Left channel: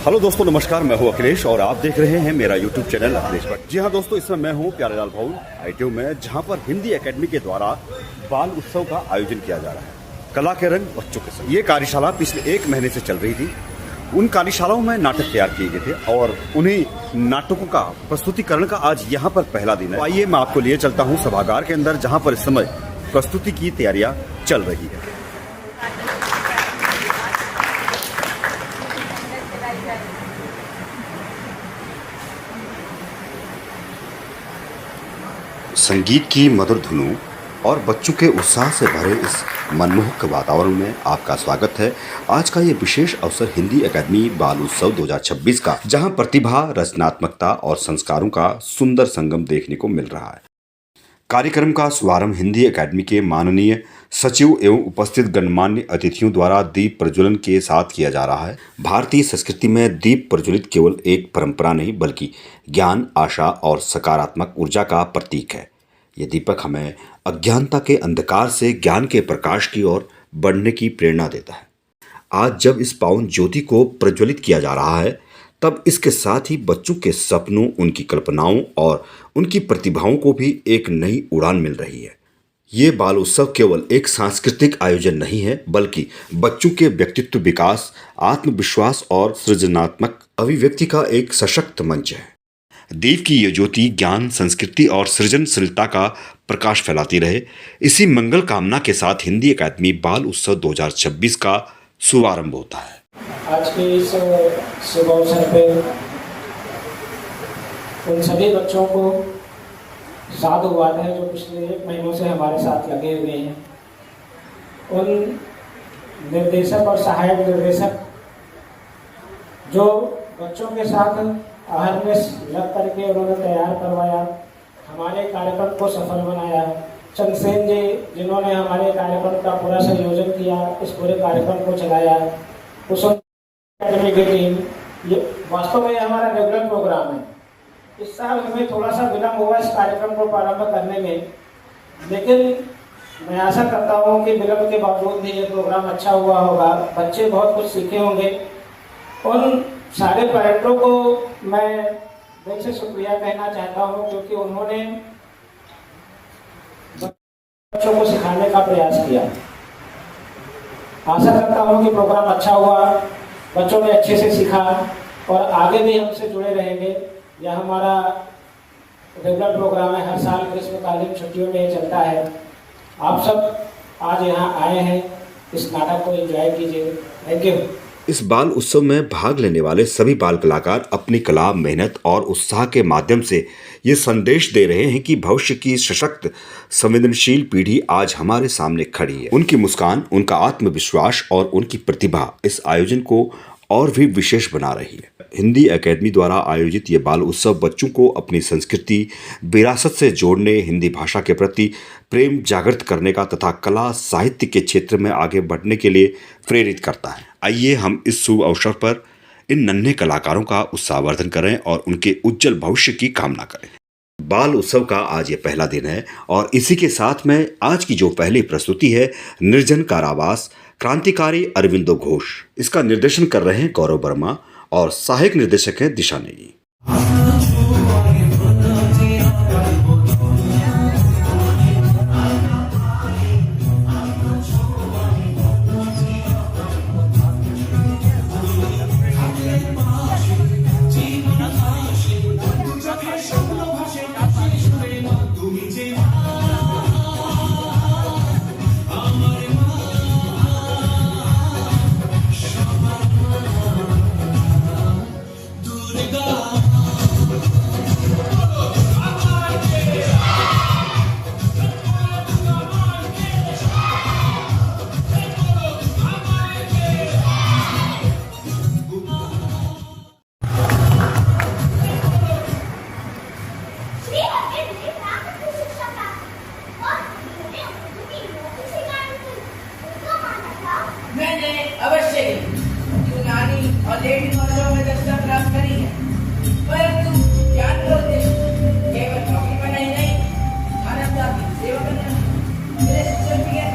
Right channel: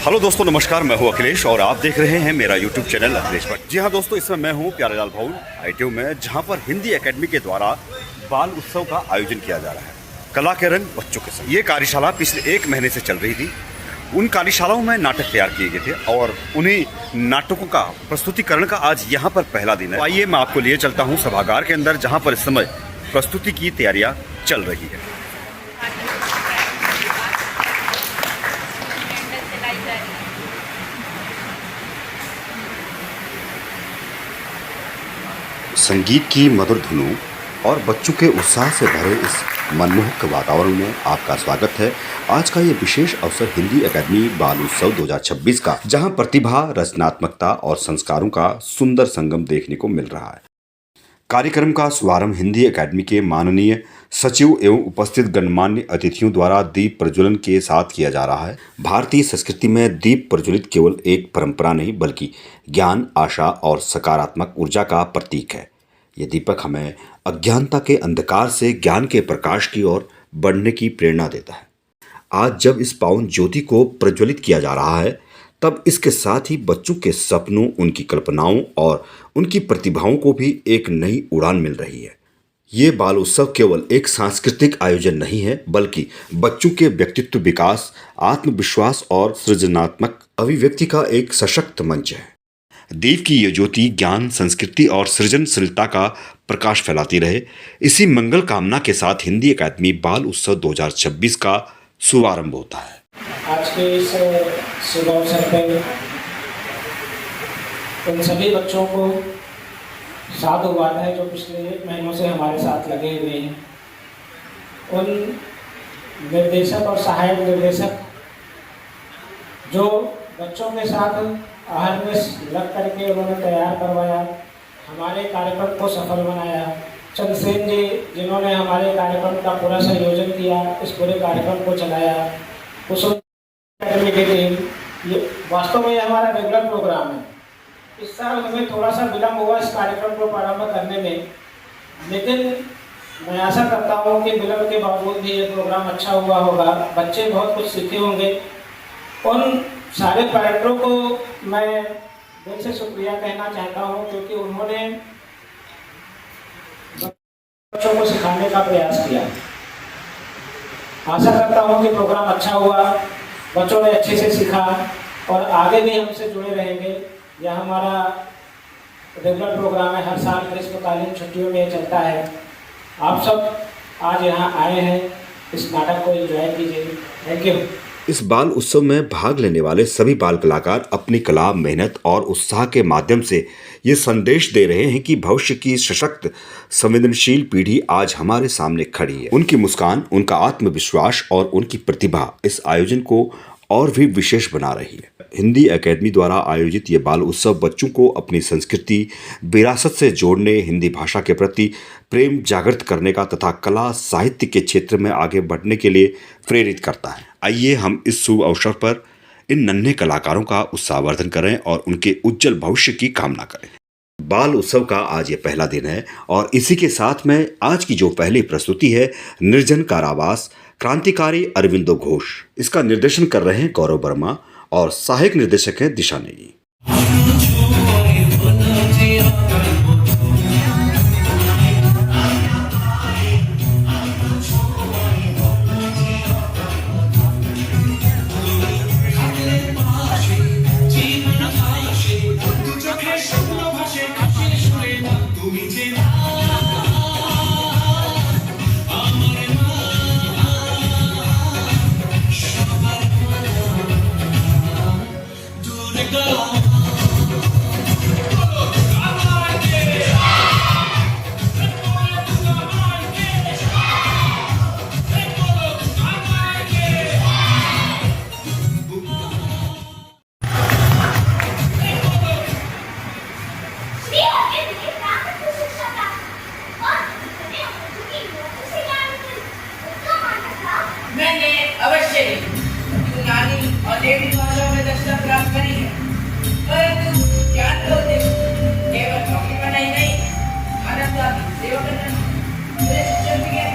Hello दोस्तों, नमस्कार। मैं हूं अखिलेश और आप देख रहे हैं मेरा यूट्यूब चैनल अखिलेश भट्ट। जी हां दोस्तों, इसमें मैं हूं प्यारेलाल भवन ITU में, जहां पर हिंदी एकेडमी के द्वारा बाल उत्सव का आयोजन किया जा रहा है। कला के रंग बच्चों के संग। ये कार्यशाला पिछले 1 महीने से चल रही थी। उन कार्यशालाओं में नाटक तैयार किए गए थे और उन्हीं नाटकों का प्रस्तुतिकरण का आज यहाँ पर पहला दिन है। आइए मैं आपको लिए चलता हूँ सभागार के अंदर, जहाँ पर इस समय प्रस्तुति की तैयारियां चल रही है। संगीत की मधुर धुनों और बच्चों के उत्साह से भरे इस मनमोहक वातावरण में आपका स्वागत है। आज का ये विशेष अवसर हिंदी एकेडमी बाल उत्सव 2026 का, जहां प्रतिभा, रचनात्मकता और संस्कारों का सुंदर संगम देखने को मिल रहा है। कार्यक्रम का शुभारंभ हिंदी एकेडमी के माननीय सचिव एवं उपस्थित गणमान्य अतिथियों द्वारा दीप प्रज्वलन के साथ किया जा रहा है। भारतीय संस्कृति में दीप प्रज्वलित केवल एक परंपरा नहीं, बल्कि ज्ञान, आशा और सकारात्मक ऊर्जा का प्रतीक है। ये दीपक हमें अज्ञानता के अंधकार से ज्ञान के प्रकाश की ओर बढ़ने की प्रेरणा देता है। आज जब इस पावन ज्योति को प्रज्वलित किया जा रहा है, तब इसके साथ ही बच्चों के सपनों, उनकी कल्पनाओं और उनकी प्रतिभाओं को भी एक नई उड़ान मिल रही है। ये बाल उत्सव केवल एक सांस्कृतिक आयोजन नहीं है, बल्कि बच्चों के व्यक्तित्व विकास, आत्मविश्वास और सृजनात्मक अभिव्यक्ति का एक सशक्त मंच है। दीप की ये ज्योति ज्ञान, संस्कृति और सृजनशीलता का प्रकाश फैलाती रहे। इसी मंगल कामना के साथ हिंदी एकेडमी बाल उत्सव 2026 का शुभारंभ होता है। आज के इस शुभ अवसर पे उन सभी बच्चों को साधुवाद है जो पिछले 1 महीनों से हमारे साथ लगे हुए हैं। उन निर्देशक और सहायक निर्देशक जो बच्चों के साथ आहर में लग करके उन्होंने तैयार करवाया, हमारे कार्यक्रम को सफल बनाया। चंद्रसेन जी जिन्होंने हमारे कार्यक्रम का पूरा संयोजन किया, इस पूरे कार्यक्रम को चलाया, उस एकेडमी की टीम। ये वास्तव में हमारा रेगुलर प्रोग्राम है। इस साल हमें थोड़ा सा विलम्ब हुआ इस कार्यक्रम को प्रारंभ करने में, लेकिन मैं आशा करता हूँ कि विलम्ब के बावजूद भी ये प्रोग्राम अच्छा हुआ होगा। बच्चे बहुत कुछ सीखे होंगे। उन सारे पेरेंटों को मैं दिल से शुक्रिया कहना चाहता हूँ, क्योंकि उन्होंने बच्चों को सिखाने का प्रयास किया। आशा करता हूँ कि प्रोग्राम अच्छा हुआ, बच्चों ने अच्छे से सीखा और आगे भी हमसे जुड़े रहेंगे। यह हमारा रेगुलर प्रोग्राम है, हर साल ग्रीष्मकालीन छुट्टियों में चलता है। आप सब आज यहाँ आए हैं, इस नाटक को एंजॉय कीजिए। Thank you. इस बाल उत्सव में भाग लेने वाले सभी बाल कलाकार अपनी कला, मेहनत और उत्साह के माध्यम से ये संदेश दे रहे हैं कि भविष्य की सशक्त, संवेदनशील पीढ़ी आज हमारे सामने खड़ी है। उनकी मुस्कान, उनका आत्मविश्वास और उनकी प्रतिभा इस आयोजन को और भी विशेष बना रही है। हिंदी एकेडमी द्वारा आयोजित ये बाल उत्सव बच्चों को अपनी संस्कृति, विरासत से जोड़ने, हिंदी भाषा के प्रति प्रेम जागृत करने का तथा कला, साहित्य के क्षेत्र में आगे बढ़ने के लिए प्रेरित करता है। आइए हम इस शुभ अवसर पर इन नन्हे कलाकारों का उत्साहवर्धन करें और उनके उज्जवल भविष्य की कामना करें। बाल उत्सव का आज ये पहला दिन है और इसी के साथ में आज की जो पहली प्रस्तुति है, निर्जन कारावास, क्रांतिकारी अरविंदो घोष। इसका निर्देशन कर रहे हैं गौरव वर्मा और सहायक निर्देशक हैं दिशा नेगी। मैंने अवश्य यूनानी और लेटिन भाषाओं में दक्षता प्राप्त करी है, परंतु ज्ञान का उद्देश्य केवल नौकरी बनाई नहीं, मानवता की सेवा करना मेरे शिक्षण भी है।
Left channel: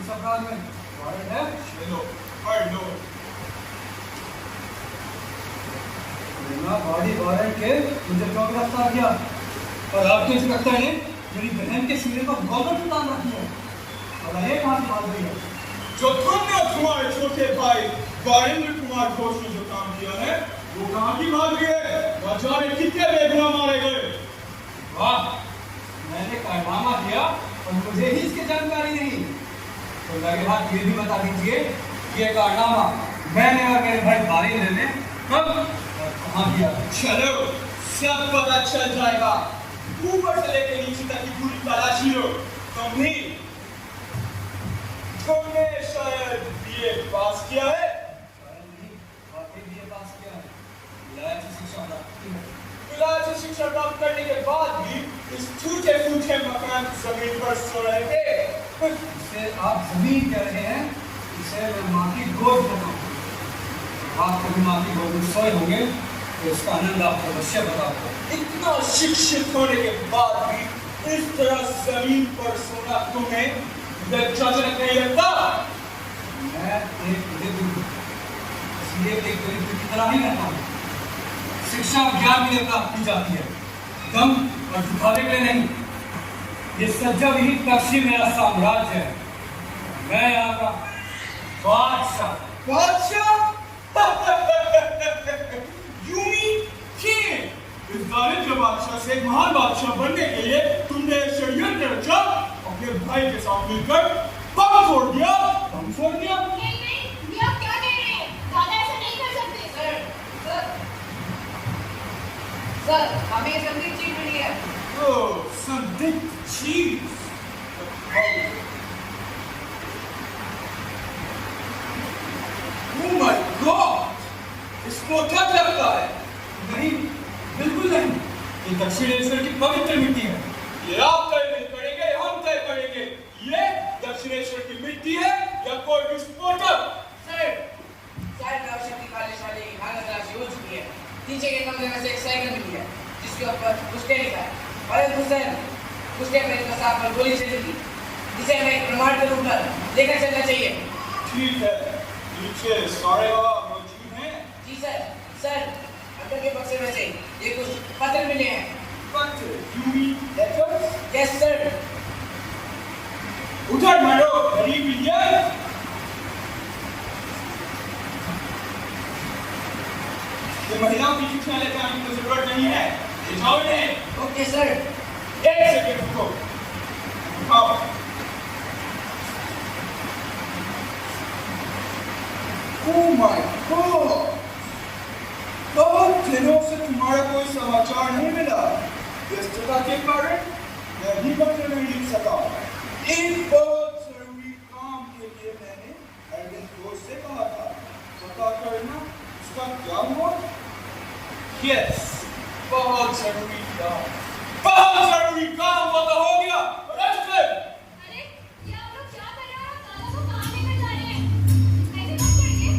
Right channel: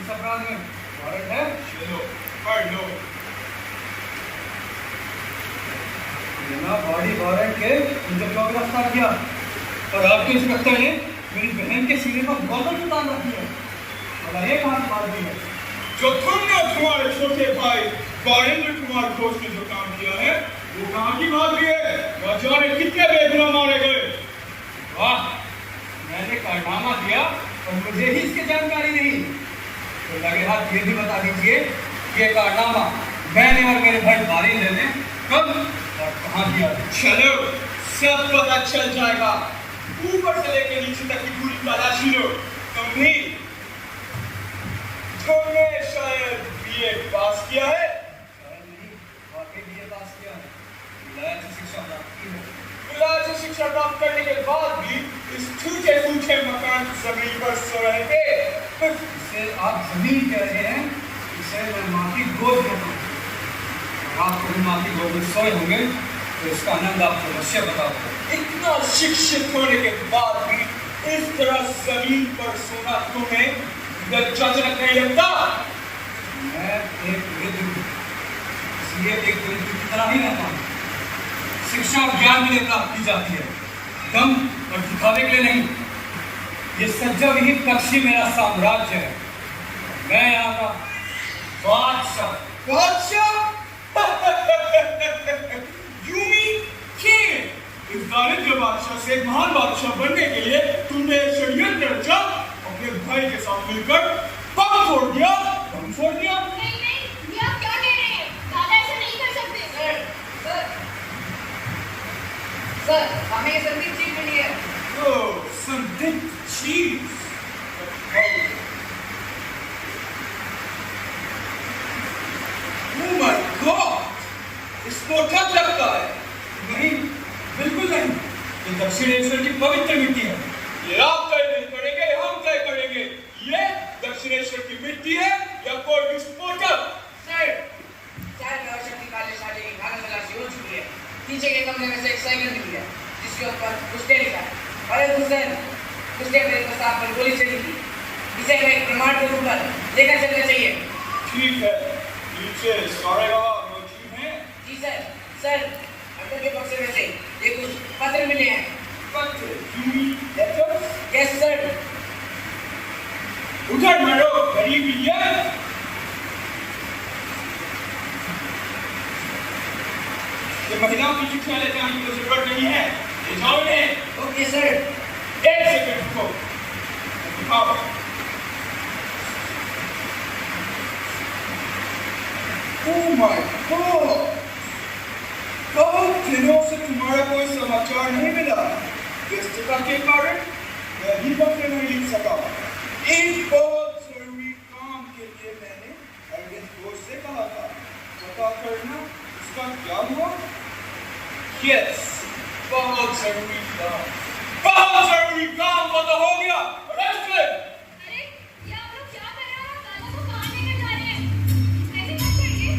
इस अपराध में वारंट है। चलो कर लो। बिना बॉडी वारंट के मुझे क्यों गिरफ्तार किया? और आपके इंस्पेक्टर ने मेरी बहन के सीने पर गौतम उतार रख दिया और एक हाथ मार दिया। जो तुमने तुम्हारे छोटे भाई गायेंद्र कुमार घोष ने जो काम किया है वो कहाँ की बात है? न जाने कितने बेगुनाह मारे गए। वाह, मैंने कारनामा दिया और मुझे ही इसकी जानकारी नहीं। तो लगे हाथ ये भी बता दीजिए ये कारनामा मैंने और मेरे भाई बारिंदर ने कब और कहाँ किया? चलो सब पता चल जाएगा। ऊपर से लेकर नीचे तक की पूरी तलाशी लो। तुमने शायद बीए पास किया है। विलायती शिक्षा प्राप्त करने के बाद भी इस टूटे फूटे मकान की जमीन पर सो रहे थे। इसे आप जमीन कह रहे हैं, इसे मैं माफी गोद कहता हूँ। आप कभी माफी गोद में सोए होंगे तो इसका आनंद आपको अवश्य बताऊंगा। इतना शिक्षित होने के बाद भी इस तरह जमीन पर सोना तुम्हें लज्जाजनक नहीं लगता? मैं एक वृद्ध हूँ, इसलिए एक वृद्ध की तरह नहीं रहता हूँ। शिक्षा और ज्ञान के लिए प्राप्त की जाती है, दम और दिखावे के लिए नहीं। ये सज्जा विहित पक्षी मेरा साम्राज्य है। मैं यहाँ का बादशाह। बादशाह? You mean king? इस दारिद्र बादशाह से महान बादशाह बनने के लिए तुमने षड्यंत्र रचा, अपने भाई के साथ मिलकर बम फोड़ दिया। बम फोड़ दिया? नहीं नहीं, ये आप क्या कह रहे हैं? दादा ऐसे नहीं कर सकते। सर, हमें संदिग्ध चीज मिली है। ओह, संदिग्ध चीज। Oh my God! इसको क्या लगता है? नहीं, बिल्कुल नहीं। ये दक्षिणेश्वर की पवित्र मिट्टी है। ये आप तय नहीं करेंगे, हम तय करेंगे। ये दक्षिणेश्वर की मिट्टी है या कोई विस्फोटक? सर, 4 वर्षों की कार्यशाला की भागन राशि हो चुकी है। नीचे के कमरे में से एक साइकिल मिली है जिसके ऊपर उसने लिखा है और उसने मेरे प्रताप पर गोली चली थी। इसे मैं प्रमाण के रूप में लेकर चलना चाहिए। ठीक है, नीचे सारे मौजूद हैं। जी सर। सर, अंदर के बक्से में से ये कुछ पत्र मिले हैं। Yes sir. उधर मारो, गरीब ये। ये महिलाओं की चिट्ठियां ले जाने की जरूरत नहीं है। ले जाओ इन्हें। Okay sir. एक सेकंड रुको। उठाओ। Oh my God! बहुत दिनों से तुम्हारा कोई समाचार नहीं मिला। व्यस्तता के कारण मैं भी पत्र नहीं लिख सका। एक बहुत जरूरी काम के लिए मैंने अपने दोस्त से कहा था। पता करना इसका क्या हुआ? यस, बहुत जरूरी काम। बहुत जरूरी काम पता हो गया। अरे, ये आप लोग क्या कर रहे हो? दादा को कहाँ लेके जा रहे हैं? ऐसे मत करिए।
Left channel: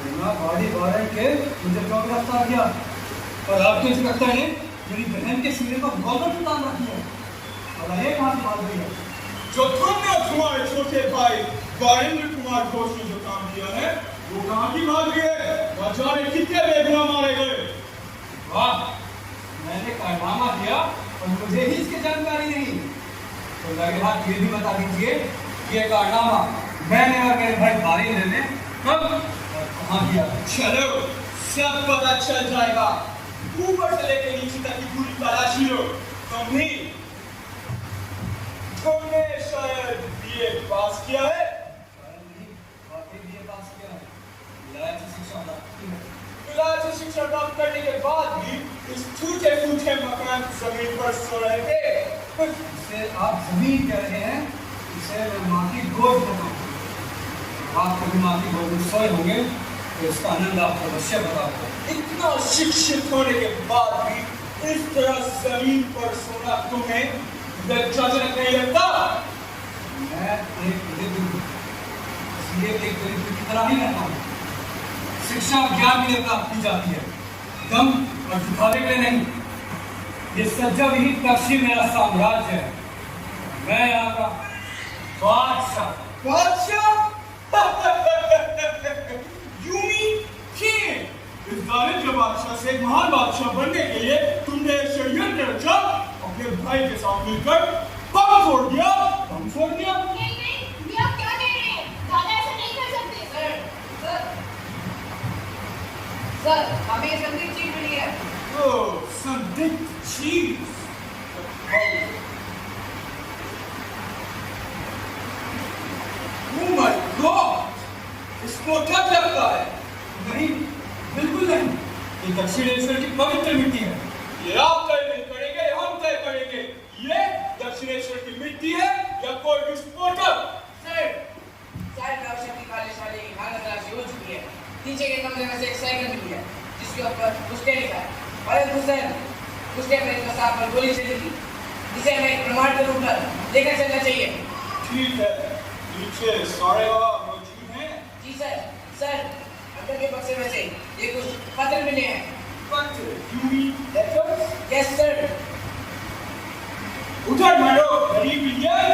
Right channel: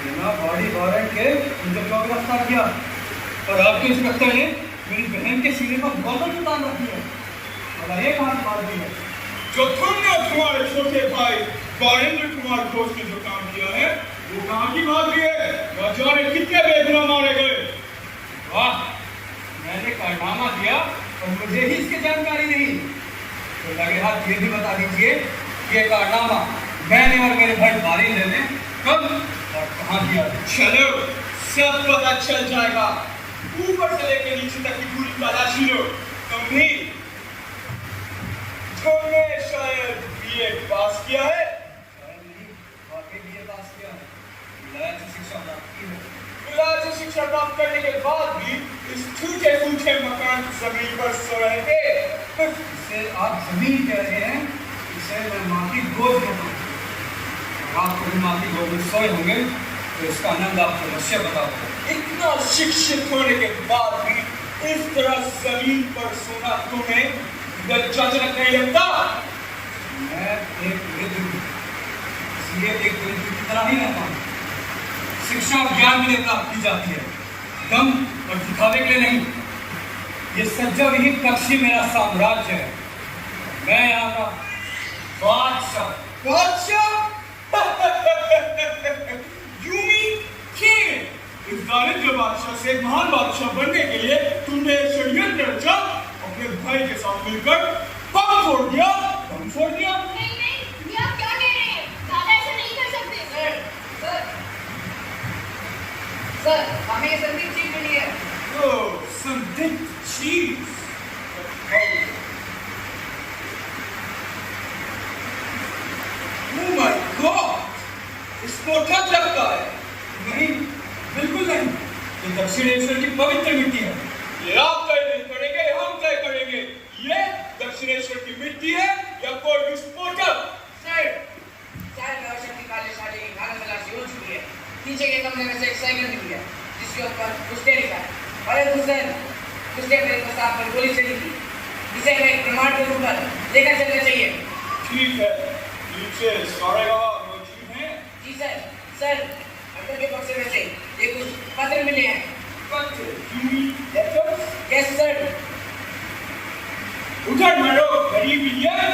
बिना बॉडी वारंट के मुझे क्यों गिरफ्तार किया? और आपके इंस्पेक्टर ने मेरी बहन के सीने पर गोदन उतार रखी है और एक हाथ मार दी है। जो तुमने और तुम्हारे छोटे भाई गायेंद्र कुमार घोष ने जो काम किया है वो कहाँ की बात है? न जाने कितने बेगुनाह मारे गए। वाह, मैंने कारनामा दिया और मुझे ही इसकी जानकारी नहीं। तो लगे आप ये भी बता दीजिए कि ये कारनामा मैंने और मेरे भाई मारेंद्र ने कब और कहाँ किया? चलो सब पता चल जाएगा। ऊपर से लेकर नीचे तक की पूरी तलाशी लो। तुमने शायद बीए पास किया है। विलायती शिक्षा प्राप्त करने के बाद भी इस टूटे फूटे मकान की जमीन पर सो रहे थे। इसे आप जमीन कह रहे हैं, इसे मैं माटी गोद कहता हूँ। आप कभी माटी गोद में सोए होंगे तो इसका आनंद आपको अवश्य बताऊंगा। इतना शिक्षित होने के बाद भी इस तरह जमीन पर सोना तुम्हें लज्जाजनक नहीं लगता? मैं एक वृद्ध हूँ, इसलिए एक वृद्ध की तरह नहीं रहता हूँ। शिक्षा और ज्ञान के लिए प्राप्त की जाती है, दम और दिखावे के लिए नहीं। ये सज्जा विहित कक्षी मेरा साम्राज्य है। मैं यहाँ का बादशाह। बादशाह? You mean king? इस दारिद्र्य बादशाह से महान बादशाह बनने के लिए तुमने षड्यंत्र रचा, अपने भाई के साथ मिलकर कम छोड़ दिया, दम छोड़ दिया। नहीं नहीं, ये आप क्या कह रहे हैं? दादा ऐसा नहीं कर सकते। सर, हमें ये संदिग्ध चीज मिली है। ओह, संदिग्ध चीज। Oh my God! इसको क्या लगता है? नहीं, बिल्कुल नहीं। ये दक्षिणेश्वर की पवित्र मिट्टी है। ये आप तय नहीं करेंगे, हम तय करेंगे। ये दक्षिणेश्वर की मिट्टी है या कोई विस्फोटक? सर, 4 वर्षों की कार्यशाला की भाग तलाशी हो चुकी है। पीछे के कमरे में से एक साइकिल मिली है, जिसके ऊपर उसने लिखा है और हुसैन उसने मेरे प्रताप पर गोली चली थी, जिसे हमें प्रमाण के रूप में लेकर चलना चाहिए। ठीक है, नीचे सारे मौजूद हैं। जी सर। सर, अंदर के बक्से में से ये कुछ पत्र मिले हैं। Yes sir. उधर मैडो गरीब इंडियन।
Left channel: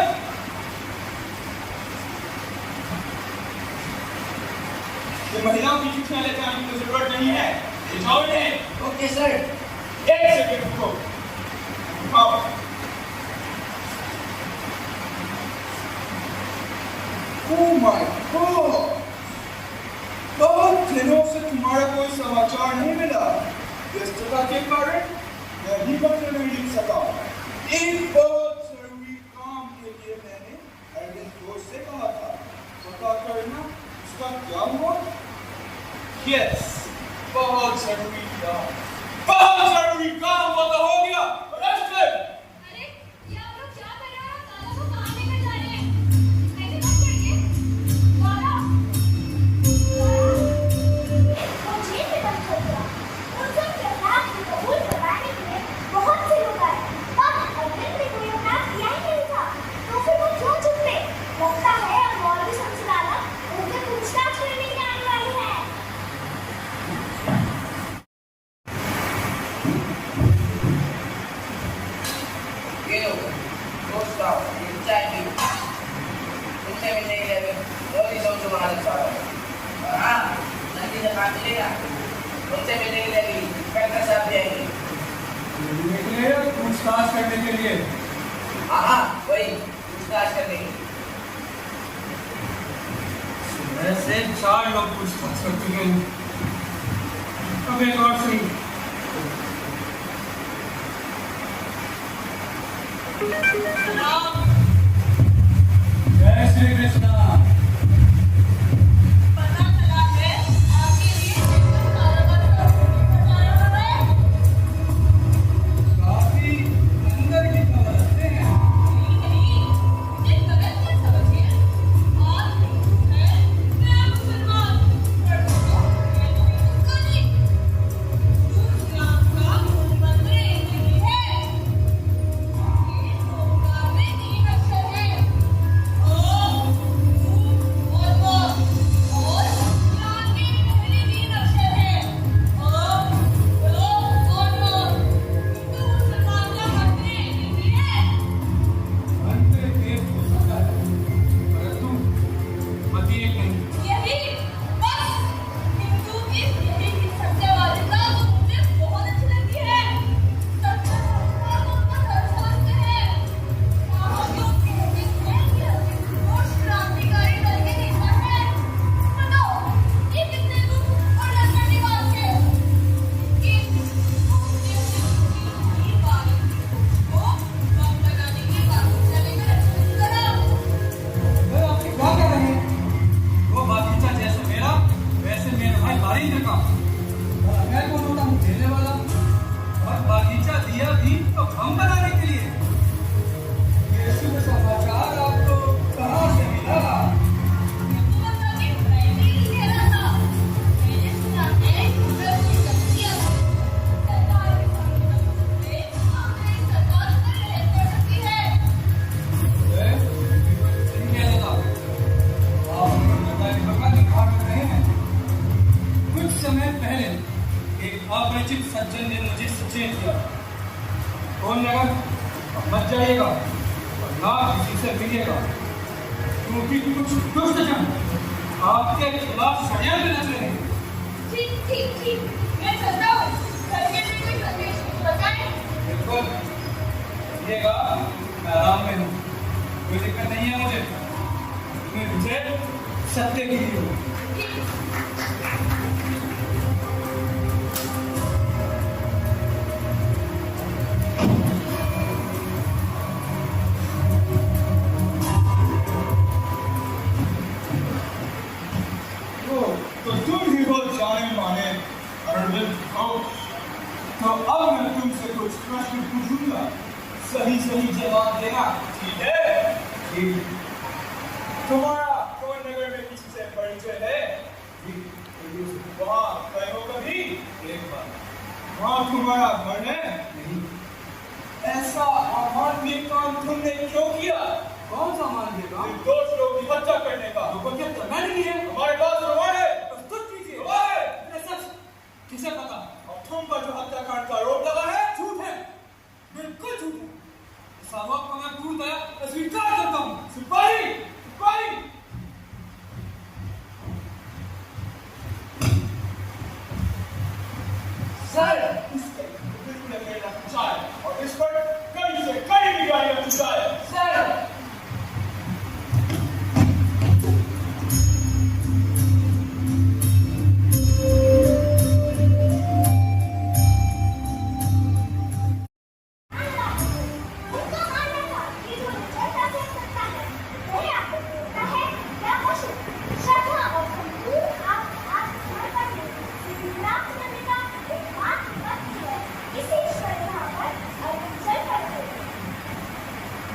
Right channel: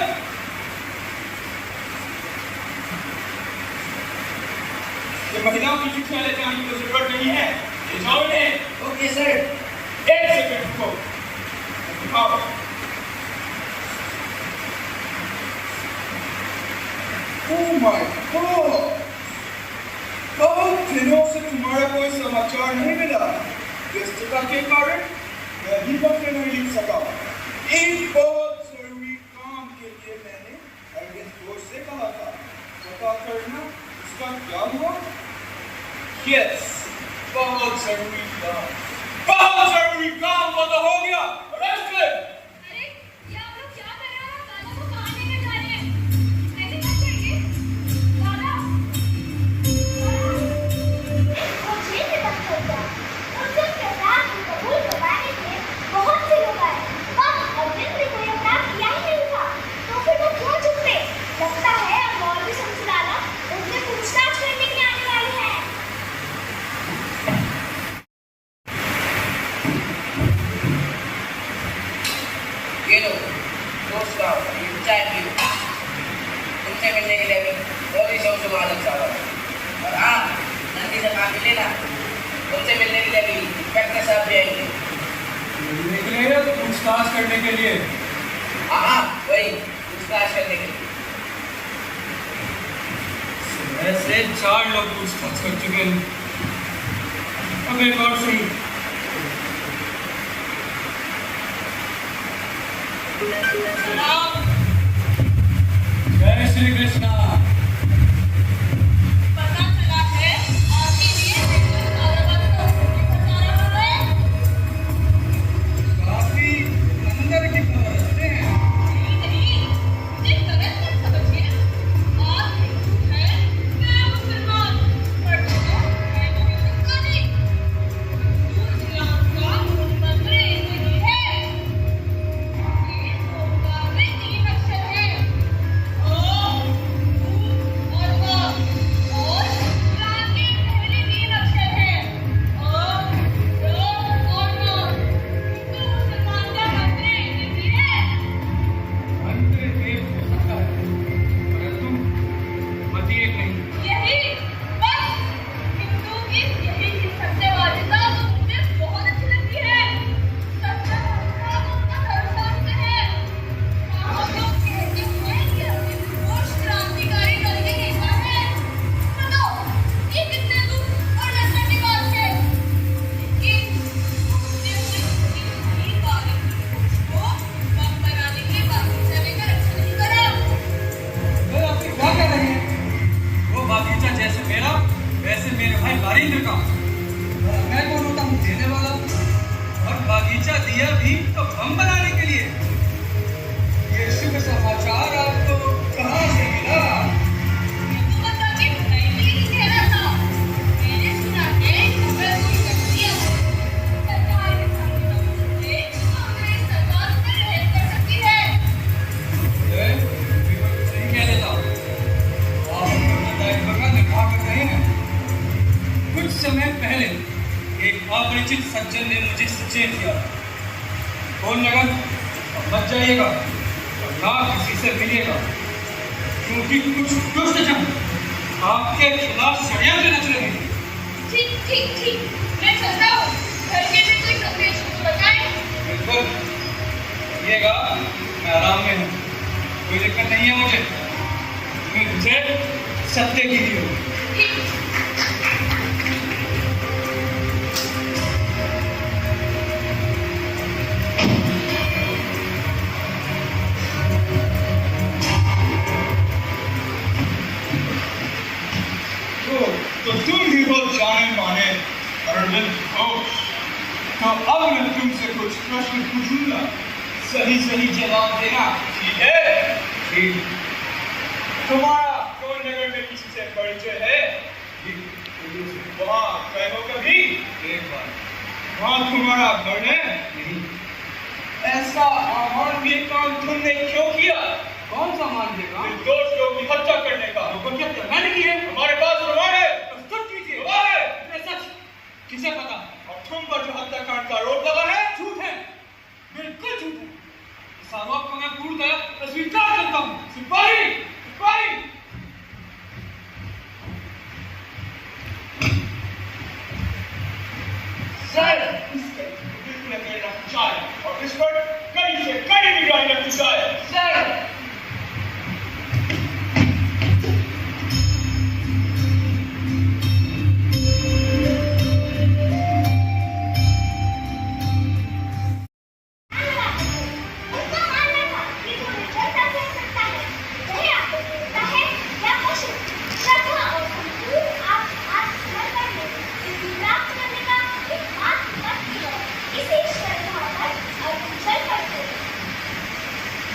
ये महिलाओं की चिट्ठियां ले जाने की कोई जरूरत नहीं है, ले जाओ इन्हें। Okay sir. एक सेकंड रुको। आओ। Oh my God! बहुत दिनों से तुम्हारा कोई समाचार नहीं मिला। व्यस्तता के कारण मैं भी पत्र नहीं लिख सका। एक बहुत जरूरी काम के लिए मैंने अरविंद घोष से कहा था, पता करना उसका क्या हुआ? यस, बहुत जरूरी काम हुआ तो हो गया। अरे, ये आप लोग क्या कर रहे हो? दादा को कहाँ लेके जा रहे हैं? लेकिन मत जाइए। दादा, मुझे भी मत करना। मुझे प्रोग्राम की कबूल करवाने के लिए बहुत से लोग आए। अब अगले कोई प्रोग्राम किया ही नहीं था, तो फिर वो क्यों चुप थे? लगता है मौलवी शमसुलाना उनसे पूछताछ करने के लिए आने वाली है। ये लो, दोस्त का ये चाय पी। तुमसे मिलने के लिए भी बहुत ही शौक से मालूम साहब। और हाँ, नंदी से काम मिलेगा, तुमसे मिलने के लिए भी इंस्पेक्टर साहब भी आएंगे। निकले पूछताछ करने के लिए। हाँ, वही पूछताछ करने के लिए। ऐसे 4 लोग पूछताछ कर चुके हैं। अब एक और सही। जय श्री कृष्णा। पता चला है आपके लिए बिल्कुल कारोबार को करना है। काफी अंदर की खबरें हैं। नहीं, मुझे गलत मत समझिए। आप हिंदू हैं, मैं मुसलमान। पर मैं हिंदू नहीं। इस्लाम का मंत्र नहीं है। ये तो काफी 3 अक्षर है। सज्जन ने मुझे सचेत किया, कौन जगह मत जाइएगा, ना किसी से मिलिएगा, क्योंकि कुछ दुष्ट जन आपके खिलाफ षड्यंत्र रच रहे हैं। ठीक ठीक ठीक, मैं चलता हूँ। करके भी कोई संदेश बताए। बिल्कुल, कहिएगा मैं आराम में हूँ, कोई दिक्कत नहीं है मुझे, मुझे सत्य की ही हो। तो तुम ही वो जाने माने अरविंद घोष। तो अब मैं तुमसे कुछ प्रश्न पूछूंगा, सही सही जवाब देना। ठीक है? ठीक। तुम्हारा कौन नगर में किसी से परिचय है? वहाँ गए हो कभी? एक बार वहाँ तुम्हारा घर है? नहीं। ऐसा अमानवीय काम तुमने क्यों किया? कौन सा मान देगा? निर्दोष लोगों की हत्या करने का। तो क्या मैंने की है? हमारे पास प्रमाण है। प्रस्तुत कीजिए। प्रमाण है। ये सच किसे पता? और तुम पर जो हत्याकांड का आरोप लगा है, झूठ है, बिल्कुल झूठ है। इस आरोप को मैं पूर्णतः अस्वीकार करता हूँ। सिपाही, सिपाही। सर, इस पर बिल्कुल नजर रखनी चाहिए और इस पर कड़ी से कड़ी निगरानी रखनी चाहिए। सर,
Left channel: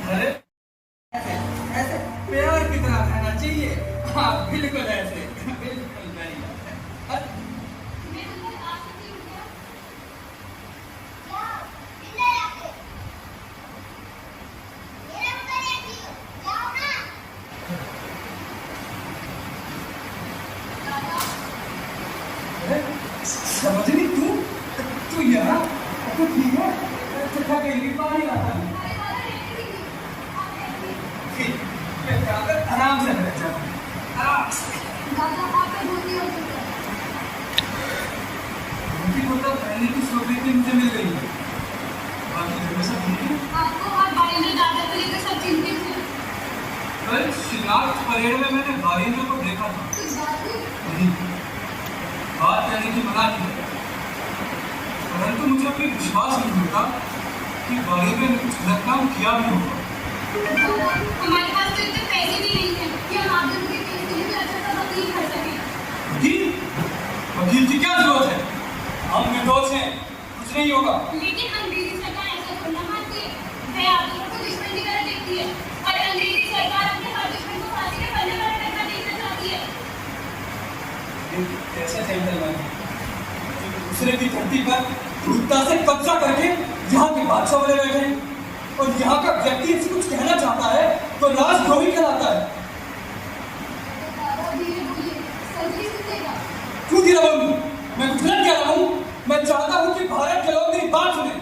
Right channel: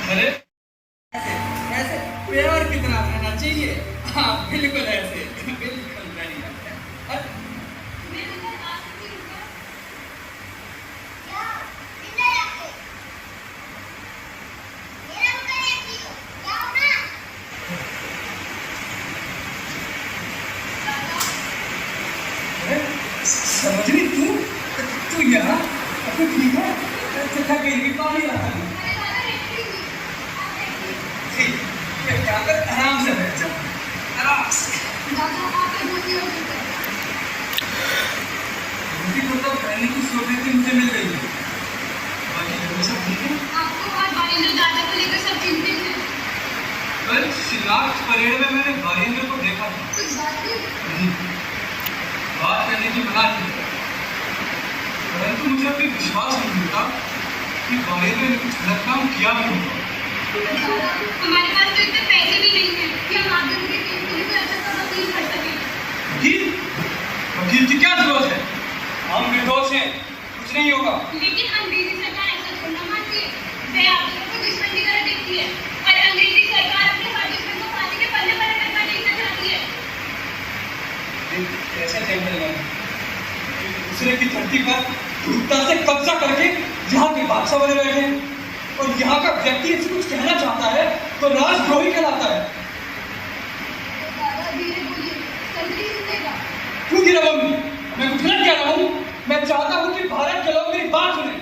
अरे ऐसे प्यार की तरह रहना चाहिए। हाँ बिल्कुल ऐसे, बिल्कुल बढ़िया। समझनी तू यहाँ तो ठीक है, तथा कहीं भी पानी लाता है। ठीक, क्या कर आराम से बैठ जाओ, आराम से। मुझे तो पहले की सोच रही थी, मुझे मिल गई है। बाकी जो सब ठीक है। कल शिलाट परेड में मैंने भाईंद्र को देखा था। नहीं, बात करने की मना की, परंतु मुझे अभी विश्वास नहीं होता कि भाईंद्र ने कुछ गलत काम किया भी नहीं। हमारे पास तो इतने पैसे भी नहीं हैं कि हम आगे के केस के लिए अच्छा सा वकील कर सकें। वकील? वकील की क्या जरूरत है? हम निर्दोष हैं, कुछ नहीं होगा। लेकिन अंग्रेजी सरकार ऐसा थोड़ा मानती है। वे आप लोगों को दुश्मन की तरह देखती है और अंग्रेजी सरकार अपने हर दुश्मन को फांसी के पल्ले पर रखना देखना चाहती है। कैसे जंगल में दूसरे की धरती पर क्रूरता से कब्जा करके यहाँ के बादशाह बने बैठे हैं, और यहाँ का व्यक्ति इसे कुछ कहना चाहता है तो राजद्रोही कहलाता है। क्यों गिरा बोलूं? मैं कुछ गलत कह रहा हूँ? मैं चाहता हूँ कि भारत के लोग मेरी बात सुने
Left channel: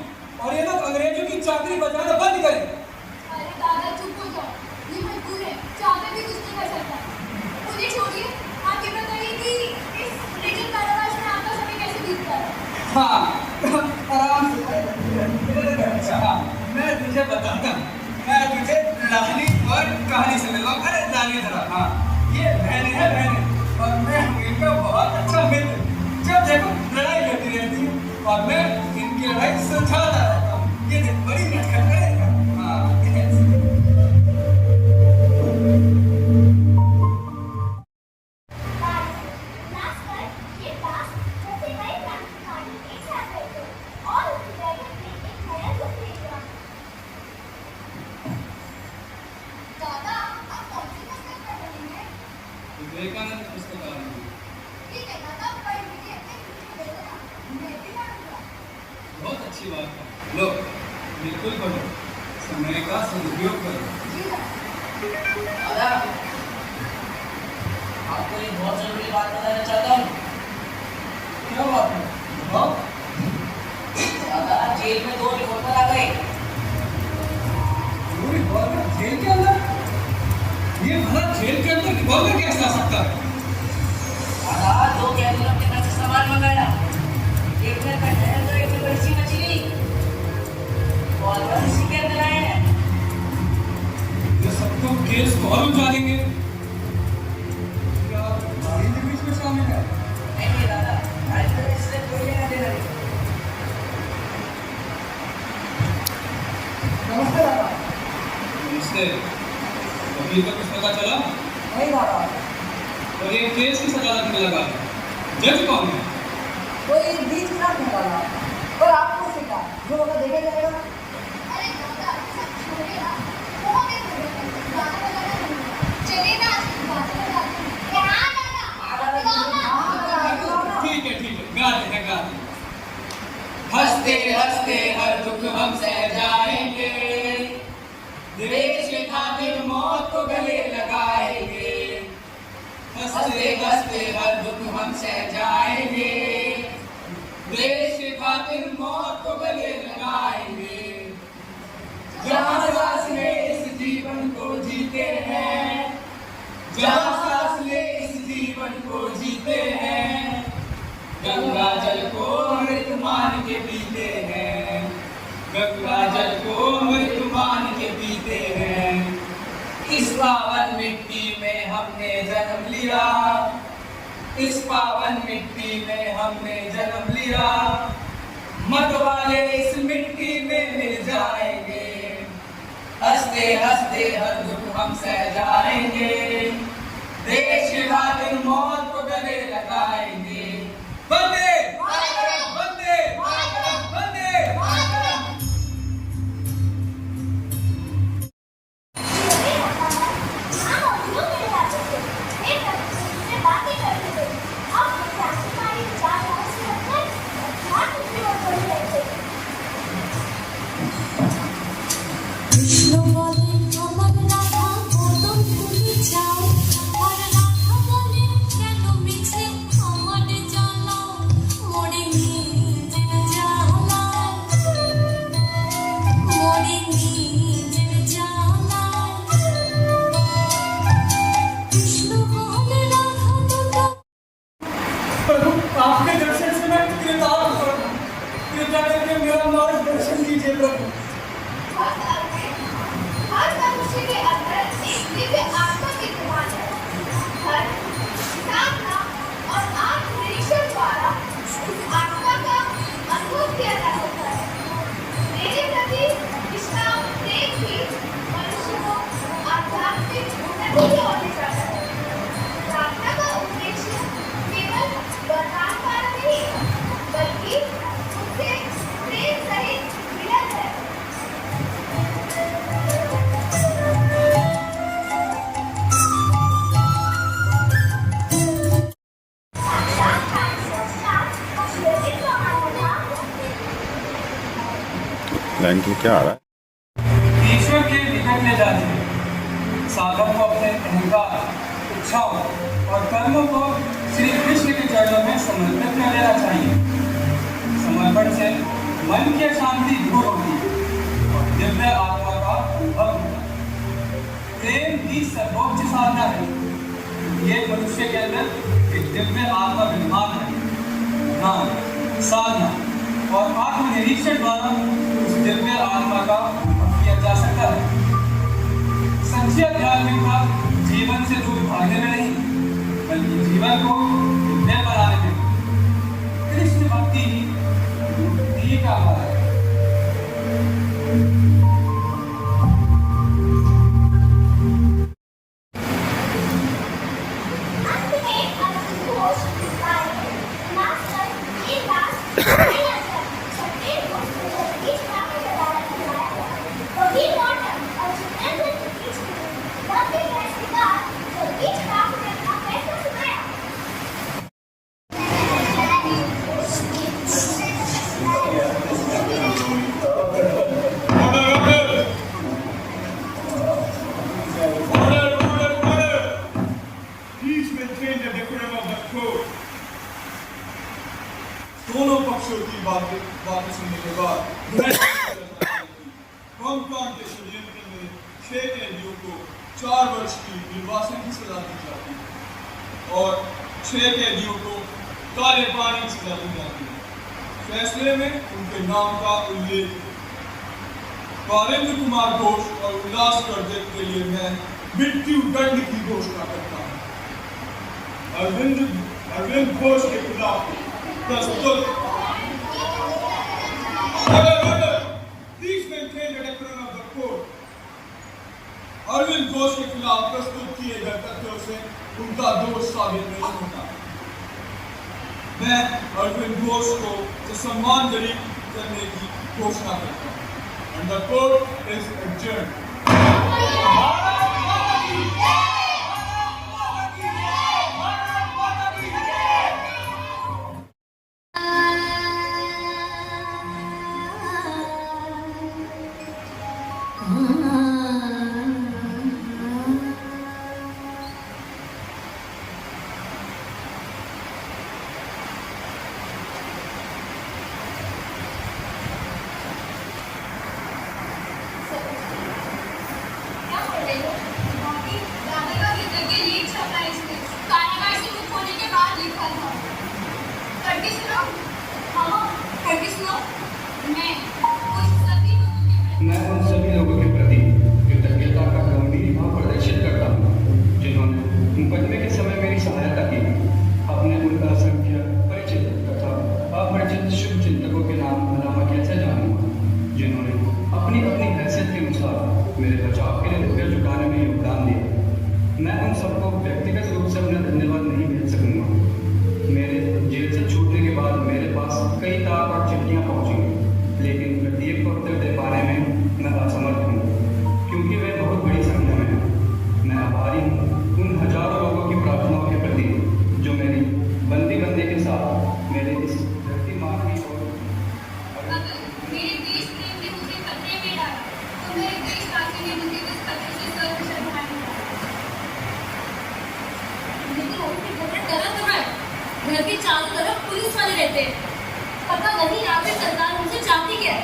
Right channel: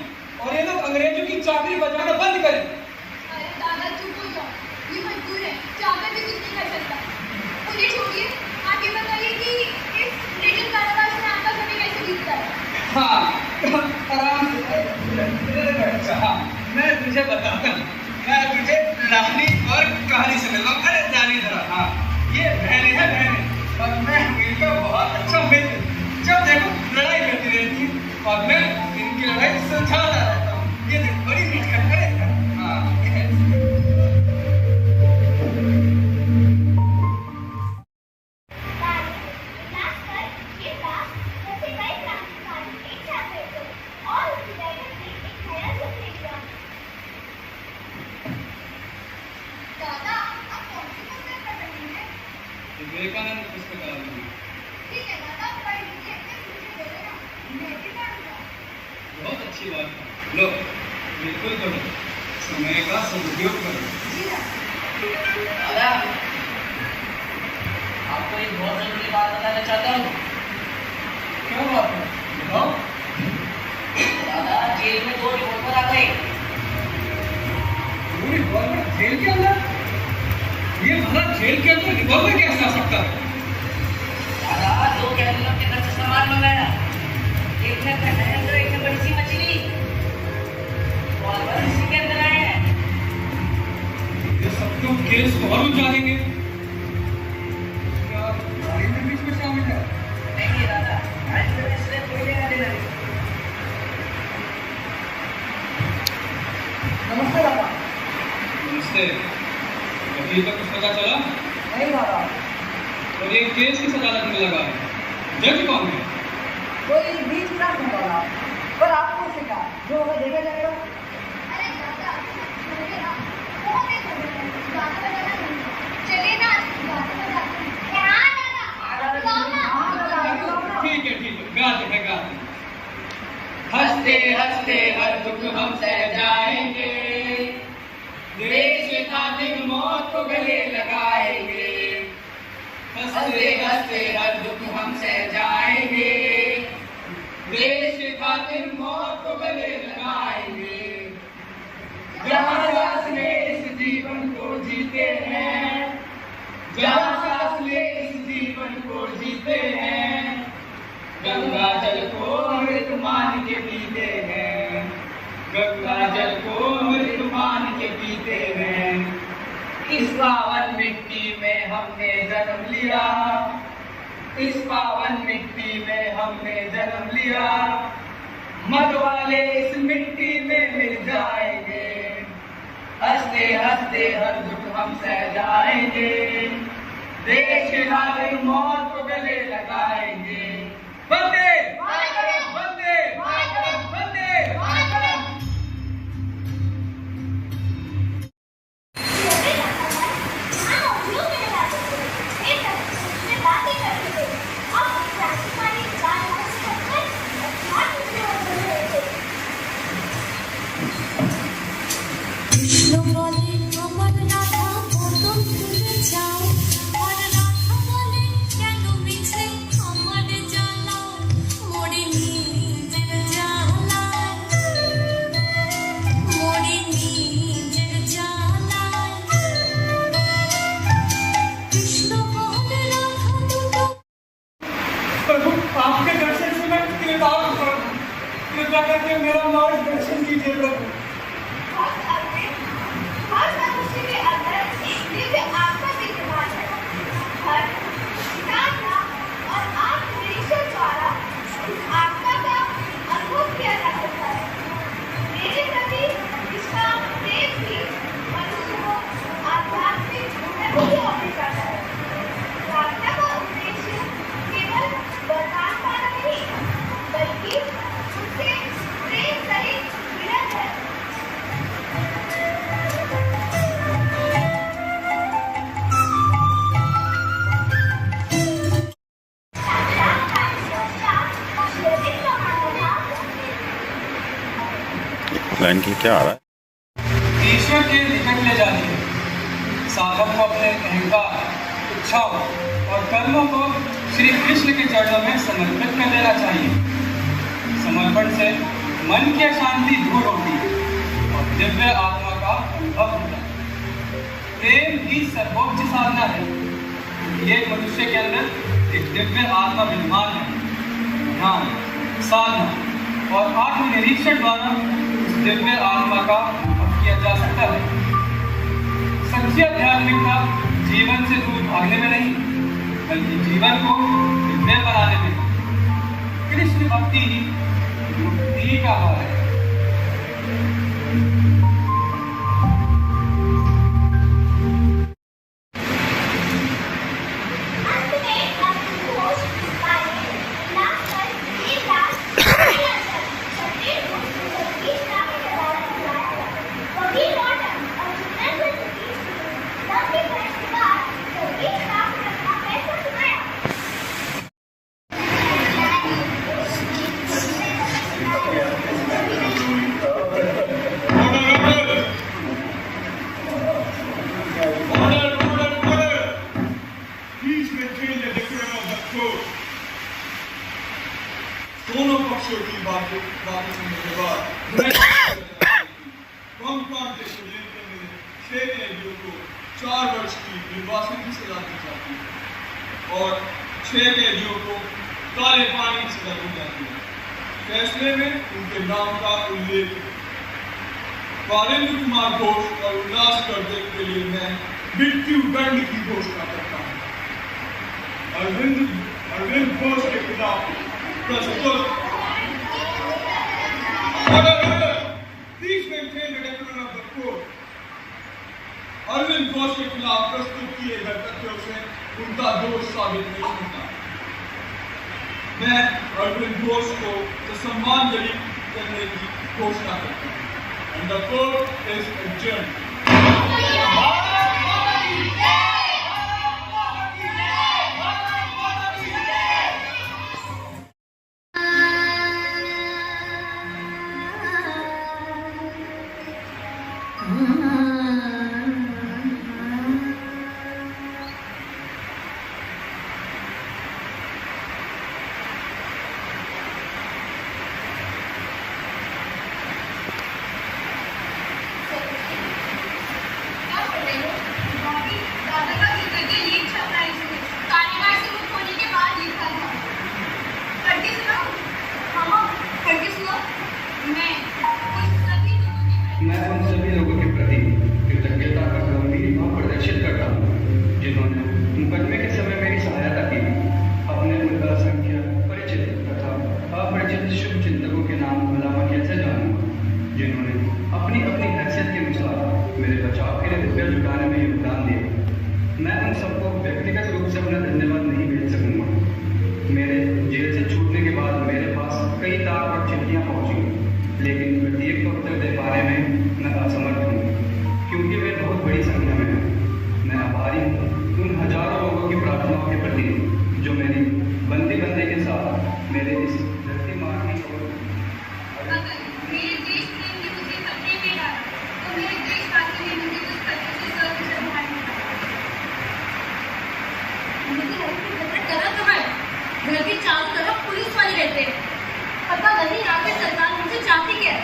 और ये लोग अंग्रेजों की चाकरी बजाना बंद करें। अरे दादा चुप हो जाओ, ये मजबूर है, चाहकर भी कुछ नहीं कर सकता। उन्हें छोड़िए, आप ये बताइए कि इस लेजिट कारावास में आपका समय कैसे बीतता है? हाँ, आराम से। हाँ, मैं तुझे बताता हूँ, मैं तुझे रानी वर्ग कहानी से मिलता हूँ। अरे रानी धरा, हाँ, ये बहनें हैं बहनें, और मैं इनका बहुत अच्छा मित्र हूँ। जब देखो लड़ाई करती रहती है और मैं इनकी लड़ाई सुलझाता रहता हूँ। ये देख बड़ी मेहनत करेगा। हाँ, ये ऐसे। विवेकानंद पुस्तकालय। बहुत अच्छी बात है। लो, बिल्कुल करो, समय का सदुपयोग करो। दादा, आपको एक बहुत जरूरी बात बताना चाहता हूँ। क्या बात है? बताओ। ये भला जेल के अंदर रिवॉल्वर कैसे आ सकता है? दो कैदियों के नस सामान मंगाया, एक ने खंडहर तो एक ने बड़ी सी मछली और बड़ी सी के बनाए हैं। ये सब तो केस को और उलझा देंगे। क्या गाड़ी में बीच में शामिल है? नहीं दादा, आज तो इससे कोई लेना देना नहीं। नमस्ते दादा। नमस्ते। अभी तो कुछ पता चला? नहीं दादा, और ये केस किस अदालत में लगा है? जज कौन है? कोई बीच में नहीं डाला, पर आपको सीखा जो होगा देखा जाएगा। अरे दादा, छोड़िए ना। वो देखो, गाना बजाना शुरू हुआ। चलिए ना, यहाँ जाना। ठीक है, गा दे। हंसते हंसते हर दुख हम सह जाएंगे, देश के खातिर मौत को गले लगाएंगे। हंसते हंसते हर दुख हम सह जाएंगे, देश के खातिर मौत को गले लगाएंगे। जहाँ सांस में इस जीवन को जीते हैं, जहाँ सांस में इस जीवन को जीते हैं, गंगा जल को मृत मान के पीते हैं, गंगा जल को मृत मान के पीते हैं। इस पावन मिट्टी में हमने जन्म लिया, इस पावन मिट्टी में हमने जन्म लिया, मत वाले इस मिट्टी में मिल जाएंगे। हंसते हंसते हर दुख हम सह जाएंगे, देश के खातिर मौत को गले लगाएंगे। वंदे वंदे वंदे। प्रभु, आपके दर्शन से मैं कृतार्थ हूँ। कृपया करके मेरा मार्गदर्शन कीजिए प्रभु। बल्कि उससे प्रेम सहित मिलन है। लाइन के क्या आ रहा है? ईश्वर के निकट ले जाने साधक को अपने अहंकार, इच्छाओं और कर्मों को श्री कृष्ण के चरणों में समर्पित कर देना चाहिए। समर्पण से मन की अशांति दूर होती है और दिव्य आत्मा का अनुभव होता है। प्रेम की सर्वोच्च साधना है। ये मनुष्य के अंदर एक दिव्य आत्मा विद्यमान है। ध्यान, साधना और आत्मनिरीक्षण द्वारा उस दिव्य आत्मा का अनुभव किया जा सकता है। सच्ची आध्यात्मिकता जीवन से दूर भागने में नहीं, बल्कि जीवन को दिव्य बनाने में। कृष्ण भक्ति ही मुक्ति का भाव है। दोनों पक्षों की बातें सुनने के बाद हम कौन के शिवलिंग में 6 कैदियों को 4 वर्ष की निर्वासन की सजा दी जाती है और 6 कैदियों को काले पानी की सजा दी जाती है। फैसले में उनके नाम का उल्लेख है। वारेंद्र कुमार घोष और उल्लास वर्धन के लिए मैं मृत्यु दंड की घोषणा करता हूँ। अरविंद घोष के खिलाफ प्रस्तुत अरविंद घोष के खिलाफ प्रस्तुत किए गए तथ्यों से उनका दोष साबित नहीं होता। मैं अरविंद घोष को सम्मानजनक करने की घोषणा करता हूँ। And the court is adjourned. मैं उन सभी लोगों के प्रति कृतज्ञता का गंभीर भाव प्रदर्शित करता हूँ जिन्होंने मुकदमे के समय मेरी सहायता की। अपने मुद्दा संख्या परिचित तथा अपरिचित शुभ चिंतकों के नाम अलावा कैसे जानूं, जिन्होंने अपनी अपनी हैसियत के अनुसार मेरे बचाव के लिए रुपये जुटाने में योगदान दिया। मैं उन सबको व्यक्तिगत रूप से अपना धन्यवाद नहीं भेज सकूंगा। मेरे जेल से छूटने के बाद मेरे पास कई तार और चिट्ठियाँ पहुँची, लेकिन प्रत्येक को उत्तर दे पाने में मैं असमर्थ हूँ, क्योंकि वे बहुत बड़ी संख्या में हैं। मैं आभारी हूँ उन हजारों लोगों की प्रार्थनाओं के प्रति जो मेरी बंदी करने के साथ मेरे इस धरती मार की अगर मेरे देश प्रेम ने मुझे खतरे में डाला तो मेरे देशवासी ने मुझे उस खतरे से सुरक्षित बनाया। गलत तो है, घर के चारों तरफ पुलिस वाले रहते हैं। पता नहीं आखिर सरकार मुझे चाहती क्या है।